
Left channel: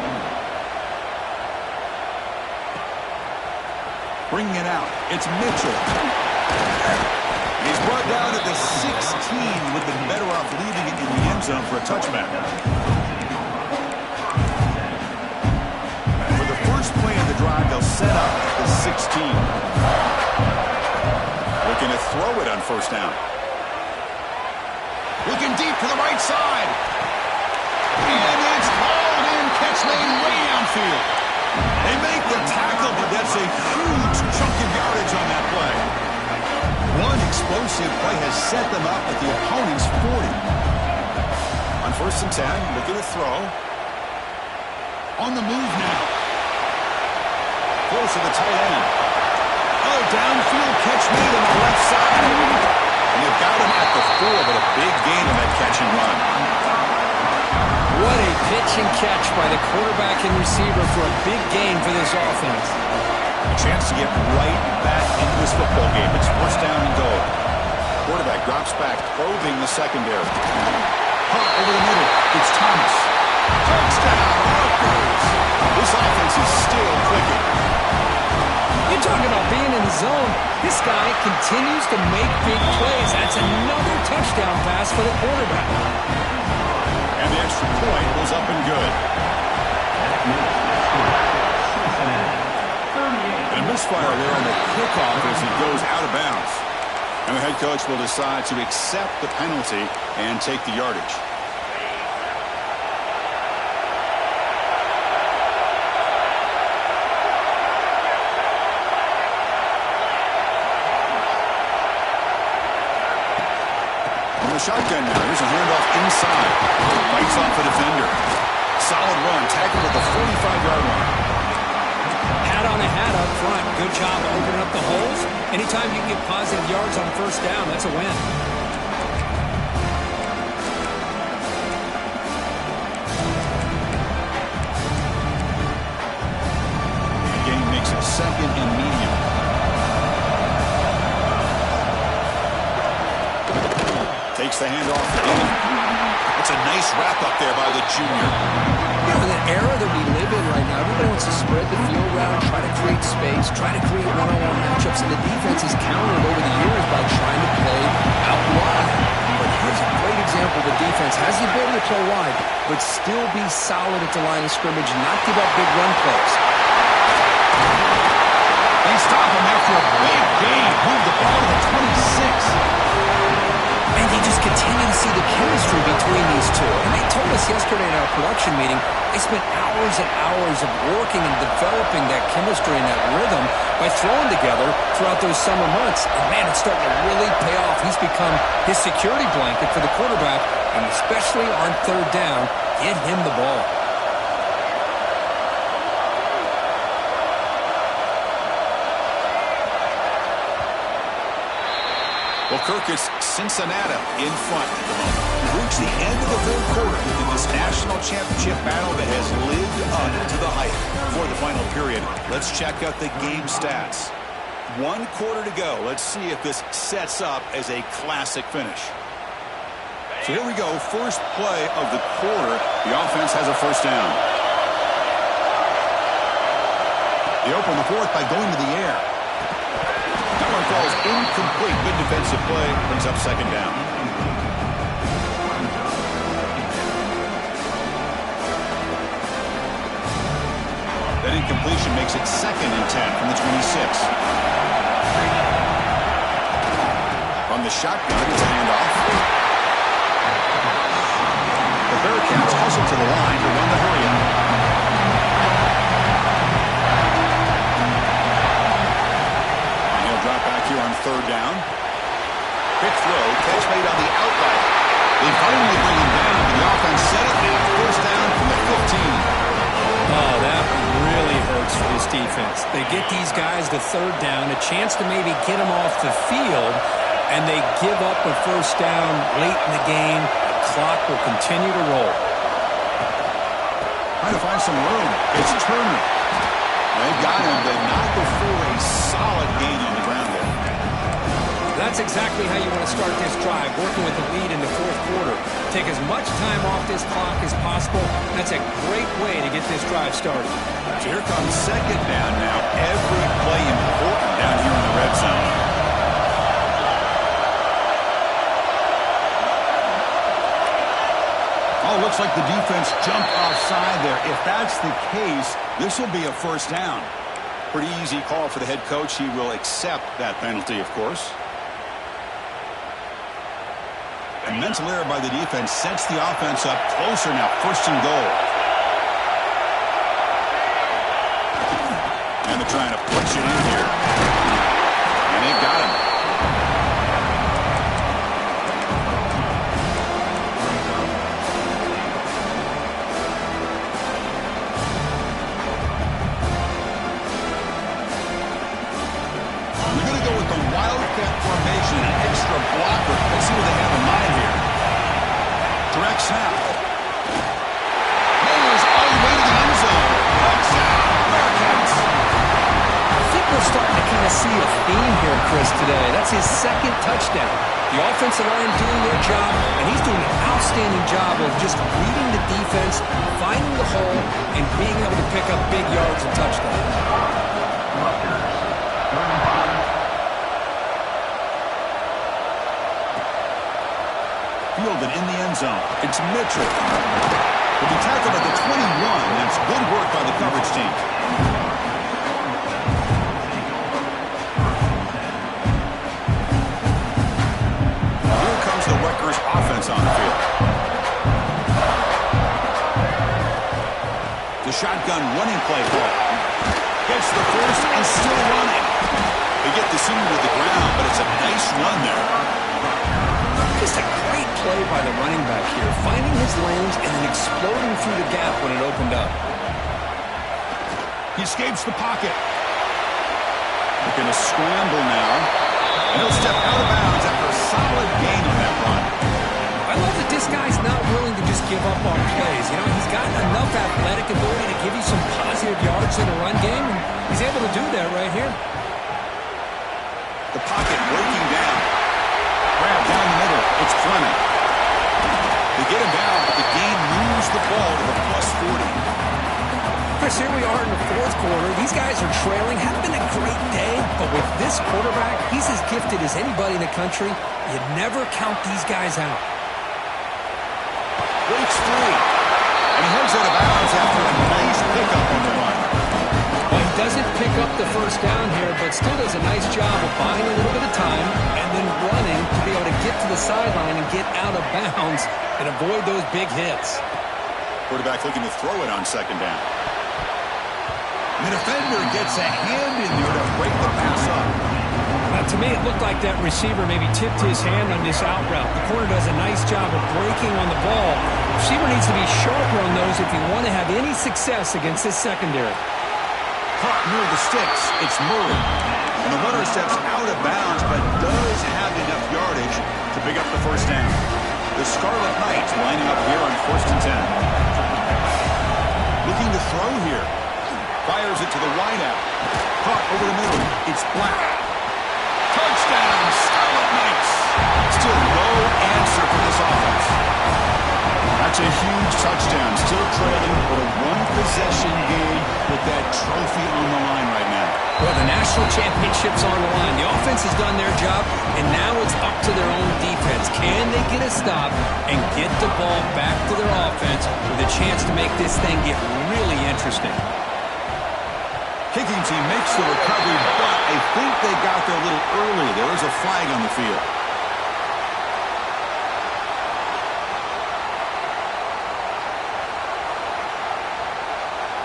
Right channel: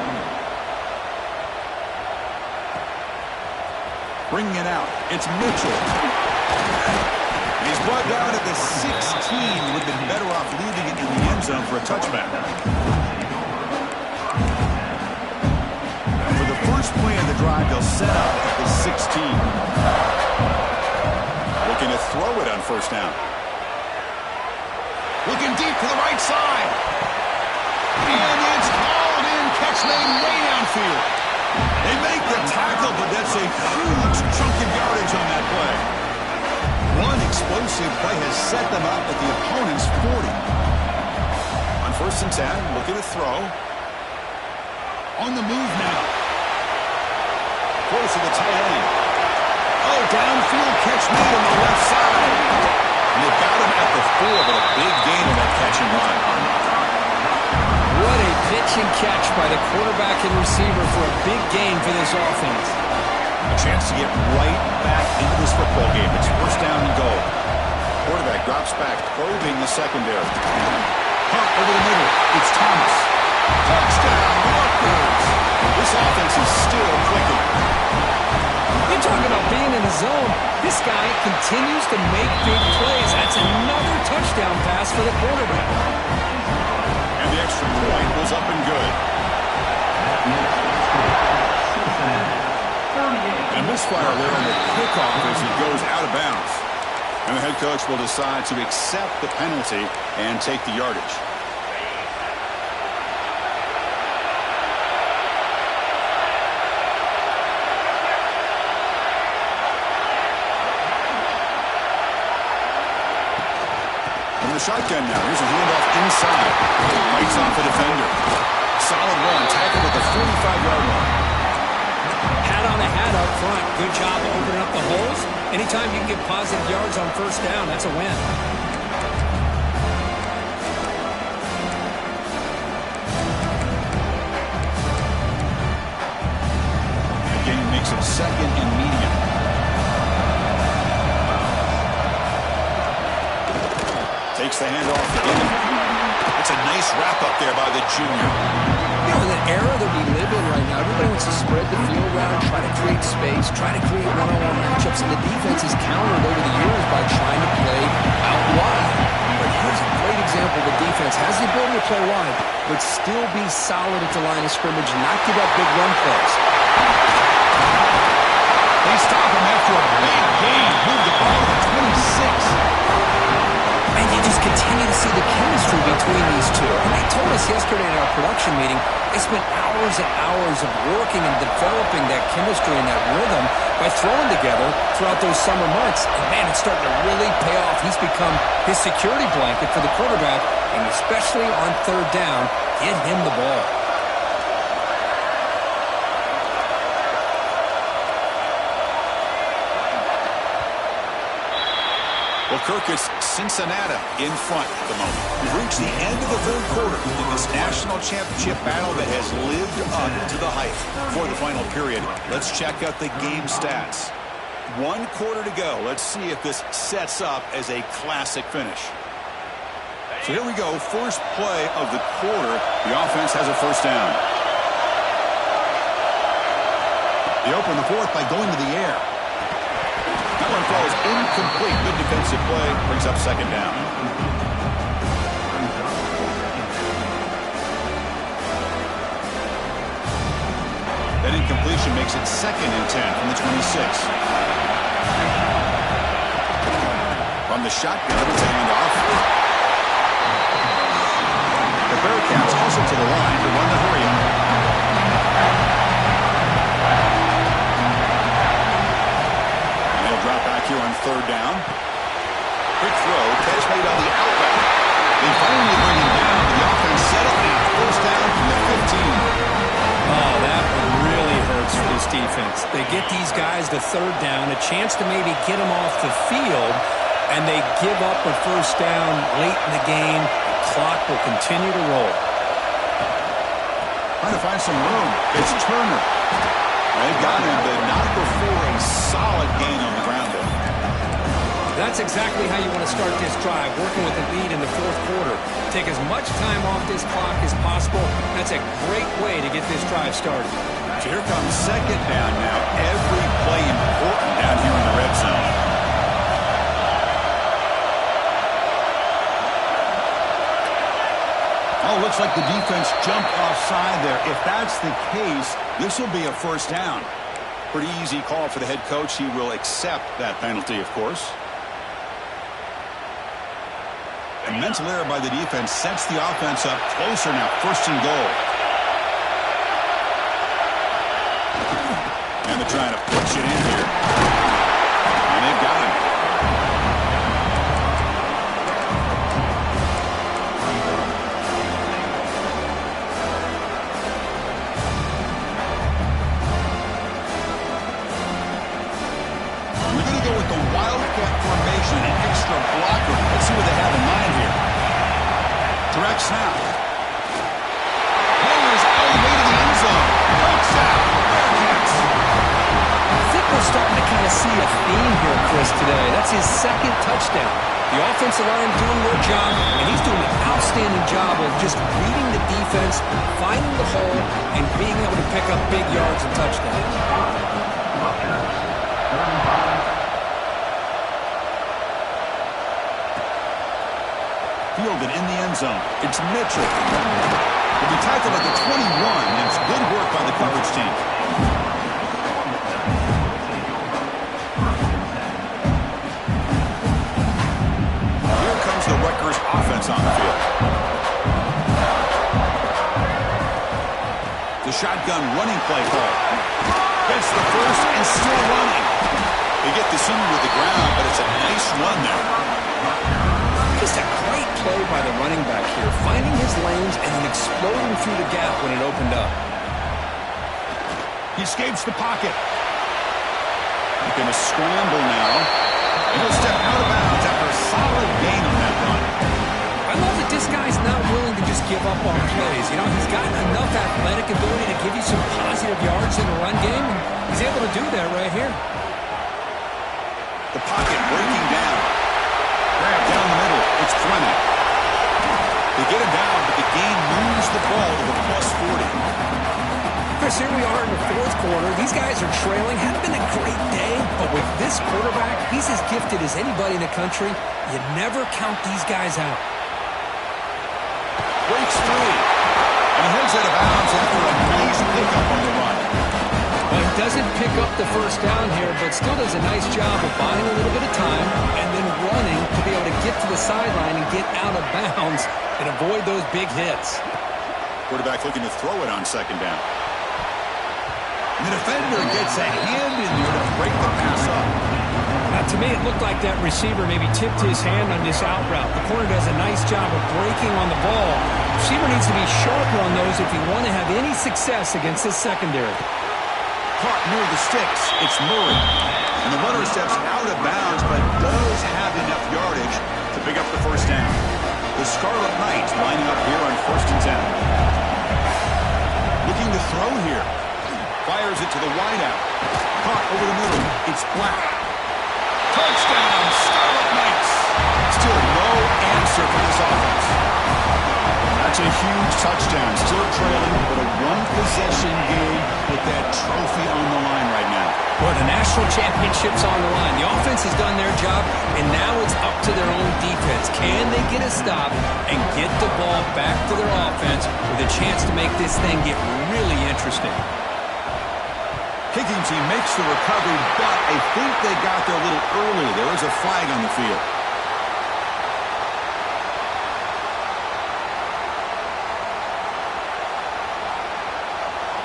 Bringing it out, it's Mitchell. And he's brought down at the 16. Would have been better off leaving it in the end zone for a touchback. For the first play of the drive, they'll set up at the 16. Looking to throw it on first down. Looking deep to the right side. And it's hauled in. Catch made way downfield. They make the tackle, but that's a huge chunk of yardage on that play. One explosive play has set them up at the opponent's 40. On first and 10, looking to throw. On the move now. Close to the tight end. Oh, downfield catch made on the left side. And they've got him at the 4, but a big gain on that catch and run. What a pitch and catch by the quarterback and receiver for a big gain for this offense. A chance to get right back into this football game. It's first down and goal. Quarterback drops back, probing the secondary. Punt over the middle. It's Thomas. Touchdown, Rutgers. This offense is still clicking. You're talking about being in the zone. This guy continues to make big plays. That's another touchdown pass for the quarterback. And the extra point was up and good. And a misfire there on the kickoff as it goes out of bounds. And the head coach will decide to accept the penalty and take the yardage. From the shotgun now, here's a handoff inside. Bites off a defender. Solid run, tackled at the 45-yard line. Hat on a hat up front. Good job opening up the holes. Anytime you can get positive yards on first down, that's a win. The gain makes it second and medium. Takes the handoff in. It's a nice wrap up there by the junior. You know, in the era that we live in right now, everybody wants to spread the field around, try to create space, try to create one-on-one matchups, and the defense is countered over the years by trying to play out wide. But here's a great example. The defense has the ability to play wide, but still be solid at the line of scrimmage and not give up big run plays. They stop him after a big gain. Move the ball to the 26. And you just continue to see the chemistry between these two. And they told us yesterday in our production meeting, they spent hours and hours of working and developing that chemistry and that rhythm by throwing together throughout those summer months. And man, it's starting to really pay off. He's become his security blanket for the quarterback, and especially on third down, get him the ball. Well, Kirk, it's Cincinnati in front at the moment. We've reached the end of the third quarter in this national championship battle that has lived up to the hype. For the final period, let's check out the game stats. 1 quarter to go. Let's see if this sets up as a classic finish. So here we go. First play of the quarter. The offense has a first down. They open the fourth by going to the air. That one falls incomplete. Good defensive play. Brings up second down. That incompletion makes it second and 10 from the 26. From the shotgun, it's a handoff. The Bearcats hustle to the line to run the hurry-up. Drop back here on third down. Quick throw, catch made on the out route. They finally bring him down, but the offense settled now. First down from the 15. Oh, that one really hurts for this defense. They get these guys to third down, a chance to maybe get them off the field, and they give up a first down late in the game. The clock will continue to roll. Trying to find some room. It's Turner. They've got him, but not before a solid gain on the ground there. That's exactly how you want to start this drive, working with the lead in the fourth quarter. Take as much time off this clock as possible. That's a great way to get this drive started. So here comes second down now. Every play important down here in the red zone. Oh, looks like the defense jumped offside there. If that's the case, this will be a first down. Pretty easy call for the head coach. He will accept that penalty, of course. A mental error by the defense sets the offense up closer now. First and goal. And they're trying to push it in here. And they've got him. a wildcat formation, an extra blocker. Let's see what they have in mind here. Direct snap. Hammers all the way to the end zone. Touchdown, Bearcats. I think we're starting to kind of see a theme here, Chris, today. That's his second touchdown. The offensive line doing their job, and he's doing an outstanding job of just reading the defense, finding the hole, and being able to pick up big yards and touchdowns. Rutgers, 35. Fielded in the end zone. It's Mitchell. Will be tackled at the 21. That's good work by the coverage team. Here comes the Rutgers offense on the field. The shotgun running play call. Gets the first and still running. They get the senior to the ground, but it's a nice run there. Just a great play by the running back here, finding his lanes and then exploding through the gap when it opened up. He escapes the pocket. They're going to scramble now, and he'll step out of bounds after a solid gain on that run. I love that this guy's not willing to just give up on plays. You know, he's got enough athletic ability to give you some positive yards in the run game, and he's able to do that right here. The pocket breaking down. Grab down the middle. It's Fleming. They get him down, but the gain moves the ball to the +40. Chris, here we are in the fourth quarter. These guys are trailing. Hadn't been a great day, but with this quarterback, he's as gifted as anybody in the country. You never count these guys out. Breaks free. And he heads out of bounds after a nice pickup on the run. Well, he doesn't pick up the first down here, but still does a nice job of buying a little bit of time and then running to be able to get to the sideline and get out of bounds and avoid those big hits. Quarterback looking to throw it on second down. And the defender gets a hand in there to break the pass up. To me, it looked like that receiver maybe tipped his hand on this out route. The corner does a nice job of breaking on the ball. The receiver needs to be sharper on those if you want to have any success against this secondary. Caught near the sticks. It's Murray. And the runner steps out of bounds, but does have enough yardage to pick up the first down. The Scarlet Knights lining up here on 1st and 10. Looking to throw here. Fires it to the wideout. Caught over the middle. It's Black. Touchdown, Scarlet Knights. Still no answer for this offense. That's a huge touchdown. Still trailing, but a one-possession game with that trophy on the line right now. Well, the national championship's on the line. The offense has done their job, and now it's up to their own defense. Can they get a stop and get the ball back to their offense with a chance to make this thing get really interesting? Kicking team makes the recovery, but I think they got there a little early. There is a flag on the field.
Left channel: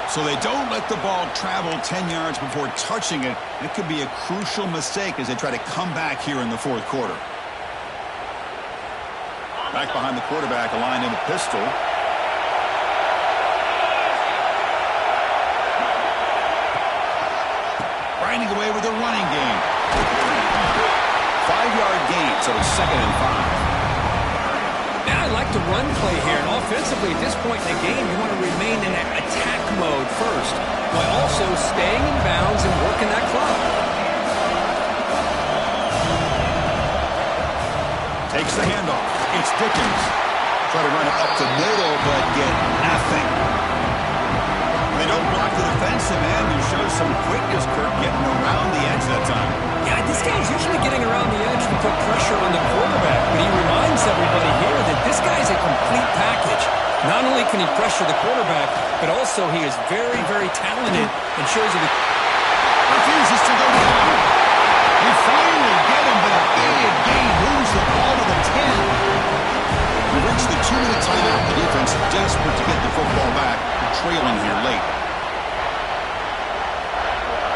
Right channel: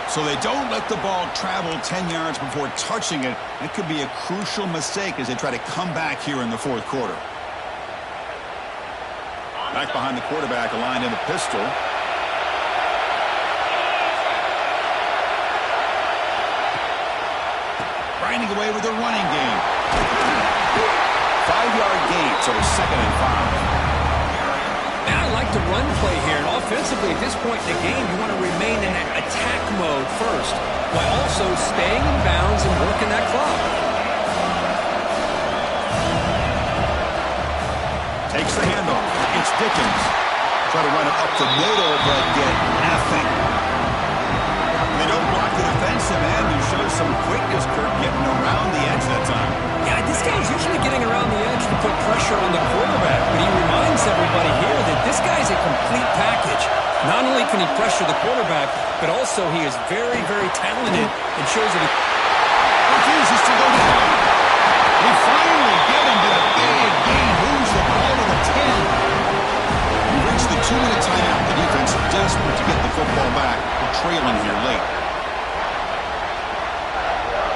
So they don't let the ball travel 10 yards before touching it. It could be a crucial mistake as they try to come back here in the fourth quarter. Back behind the quarterback, aligned in the pistol. Grinding away with a running game. 5-yard gain, so it's 2nd and 5. Man, I like the run play here, and offensively at this point in the game, you want to remain in that attack mode first, while also staying in bounds and working that clock. Takes the handoff. It's Dickens. Try to run it up the middle, but get nothing. They don't block the defensive end, who shows some quickness, Kirk, getting around the edge that time. Yeah, this guy's usually getting around the edge to put pressure on the quarterback, but he reminds everybody here that this guy's a complete package. Not only can he pressure the quarterback, but also he is very, very talented and shows it. Refuses to go down. They finally get him, but a big gain moves the ball to the 10. We reach the 2-minute timeout. The defense desperate to get the football back. We're trailing here late.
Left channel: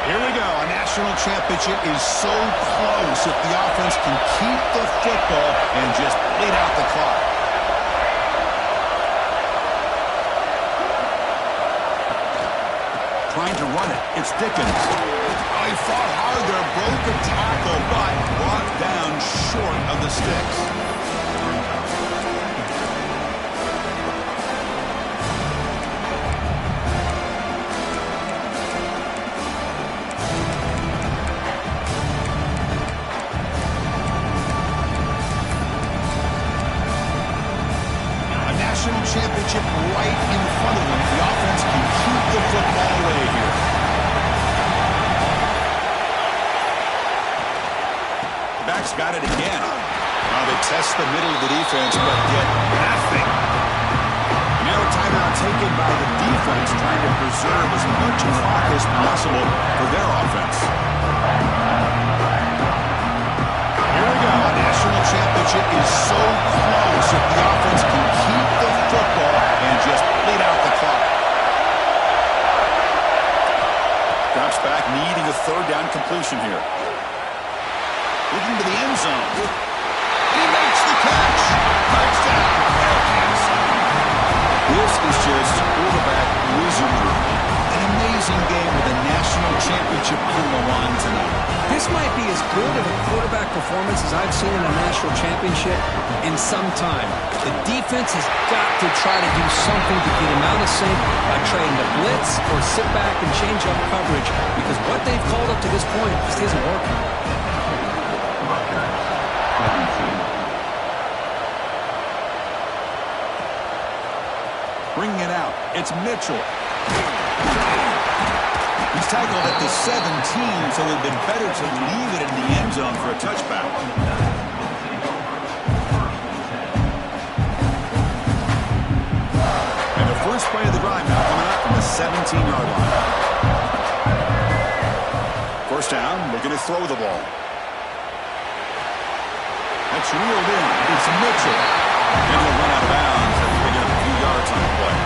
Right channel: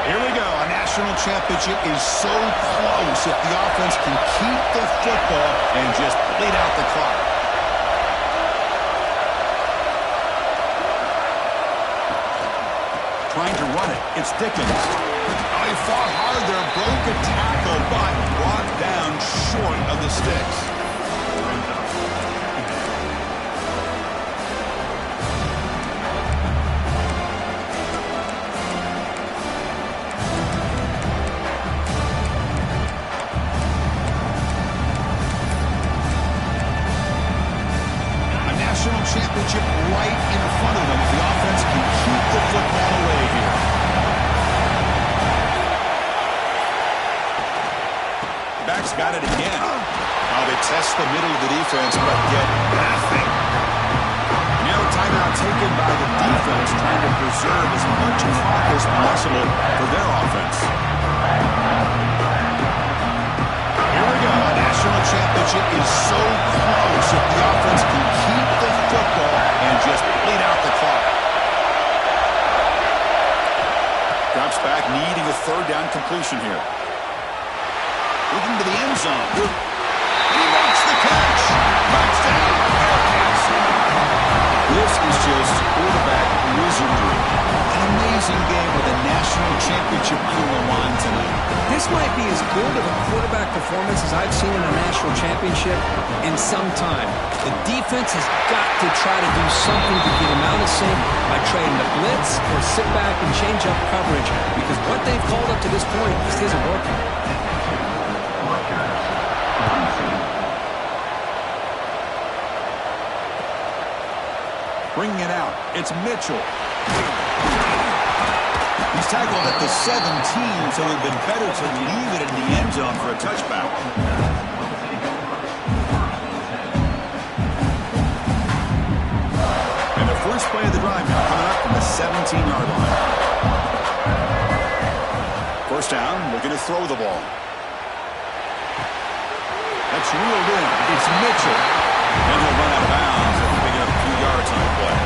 Here we go. A national championship is so close if the offense can keep the football and just bleed out the clock. trying to run it. It's Dickens. Oh, he fought hard there, broke a tackle, but brought down short of the sticks. National championship right in front of them. The offense can keep the football away here. The back's got it again. Now they test the middle of the defense, but get nothing. Now a timeout taken by the defense, trying to preserve as much clock as possible for their offense. Here we go. A national championship is so close if the offense can keep the football and just bleed out the clock. Drops back, needing a third down completion here. Looking to the end zone. And he makes the catch. Touchdown, Bearcats. This is just quarterback wizardry. An amazing game with a national championship on the line tonight. This might be as good of a quarterback performance as I've seen in a national championship in some time. The defense has got to try to do something to get him out of sync by trading the blitz or sit back and change up coverage, because what they've called up to this point just isn't working. Rutgers, quarantine. Bringing it out. It's Mitchell. He's tackled at the 17, so it would have been better to leave it in the end zone for a touchback. And the first play of the drive now coming up from the 17-yard line. First down, looking to throw the ball. That's reeled in. It's Mitchell. Then he'll run out of bounds after picking up a few yards on the play.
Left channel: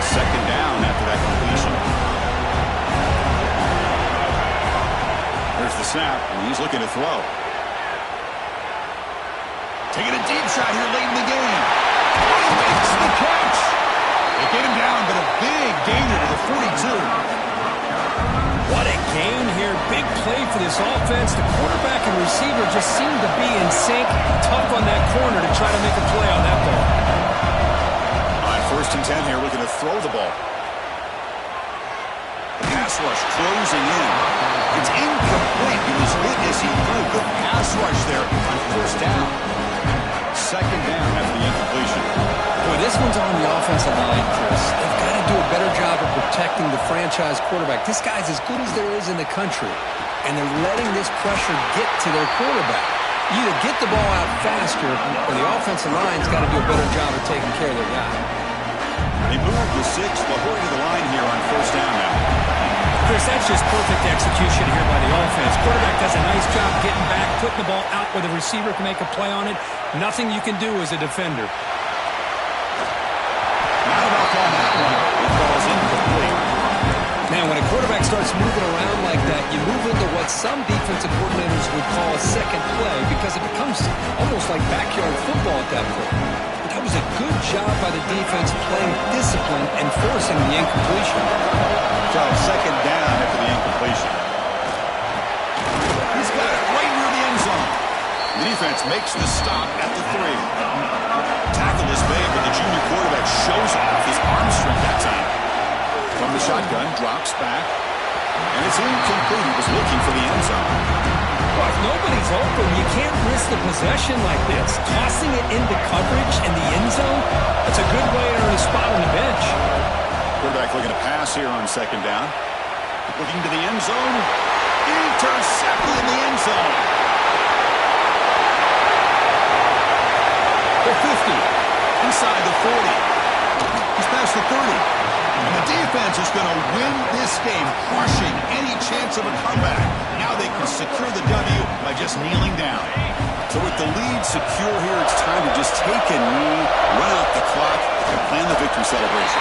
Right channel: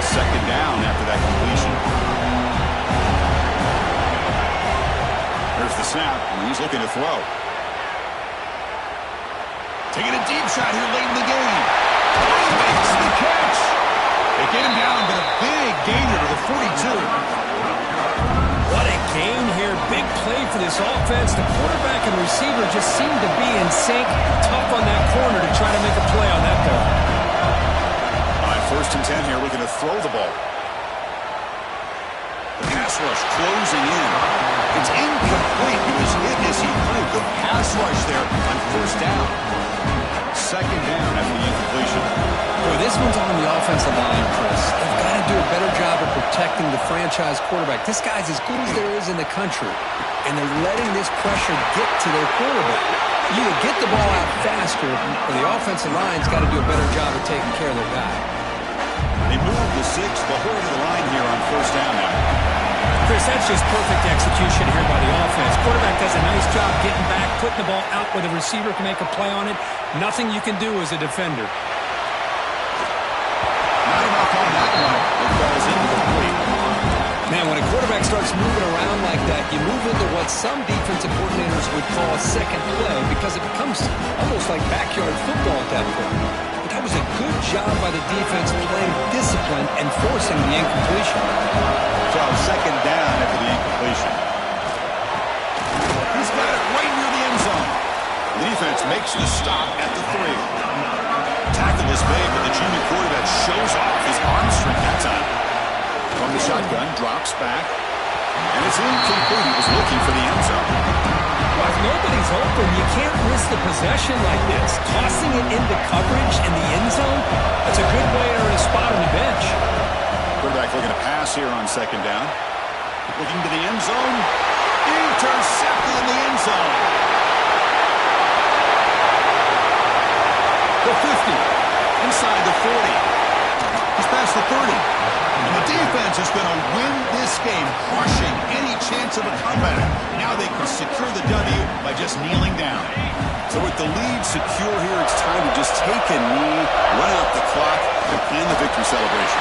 Second down after that completion. There's the snap, and he's looking to throw. Taking a deep shot here late in the game. Oh, he makes the catch. They get him down, but a big gainer to the 42. What a gain here. Big play for this offense. The quarterback and receiver just seem to be in sync. Tough on that corner to try to make a play on that ball. On first and 10 here, looking to throw the ball. The pass rush closing in. It's incomplete. He was hit as he threw. Good pass rush there on first down. Second down after the incompletion. Boy, this one's on the offensive line, Chris. They've got to do a better job of protecting the franchise quarterback. This guy's as good as there is in the country, and they're letting this pressure get to their quarterback. You either get the ball out faster, or the offensive line's got to do a better job of taking care of their guy. They move the 6, but hurry to the line here on first down now. Chris, that's just perfect execution here by the offense. Quarterback does a nice job getting back, putting the ball out where the receiver can make a play on it. Nothing you can do as a defender. Not enough on that one. It falls incomplete. Man, when a quarterback starts moving around like that, you move into what some defensive coordinators would call a second play, because it becomes almost like backyard football at that point. But that was a good job by the defense playing discipline and forcing the incompletion. So second down after the incompletion. He's got it right near the end zone. The defense makes the stop at the 3. Tackle is made, but the junior quarterback shows off his arm strength that time. From the shotgun, drops back, and it's incomplete. He was looking for the end zone. Well, if nobody's open, you can't risk the possession like this. Tossing it into coverage in the end zone, that's a good way to earn a spot on the bench. Quarterback looking to pass here on second down. Looking to the end zone. Intercepted in the end zone. The 50. Inside the 40. He's past the 30. And the defense is going to win this game, crushing any chance of a comeback. Now they can secure the W by just kneeling down. So with the lead secure here, it's time to just take a knee, run out the clock, and plan the victory celebration.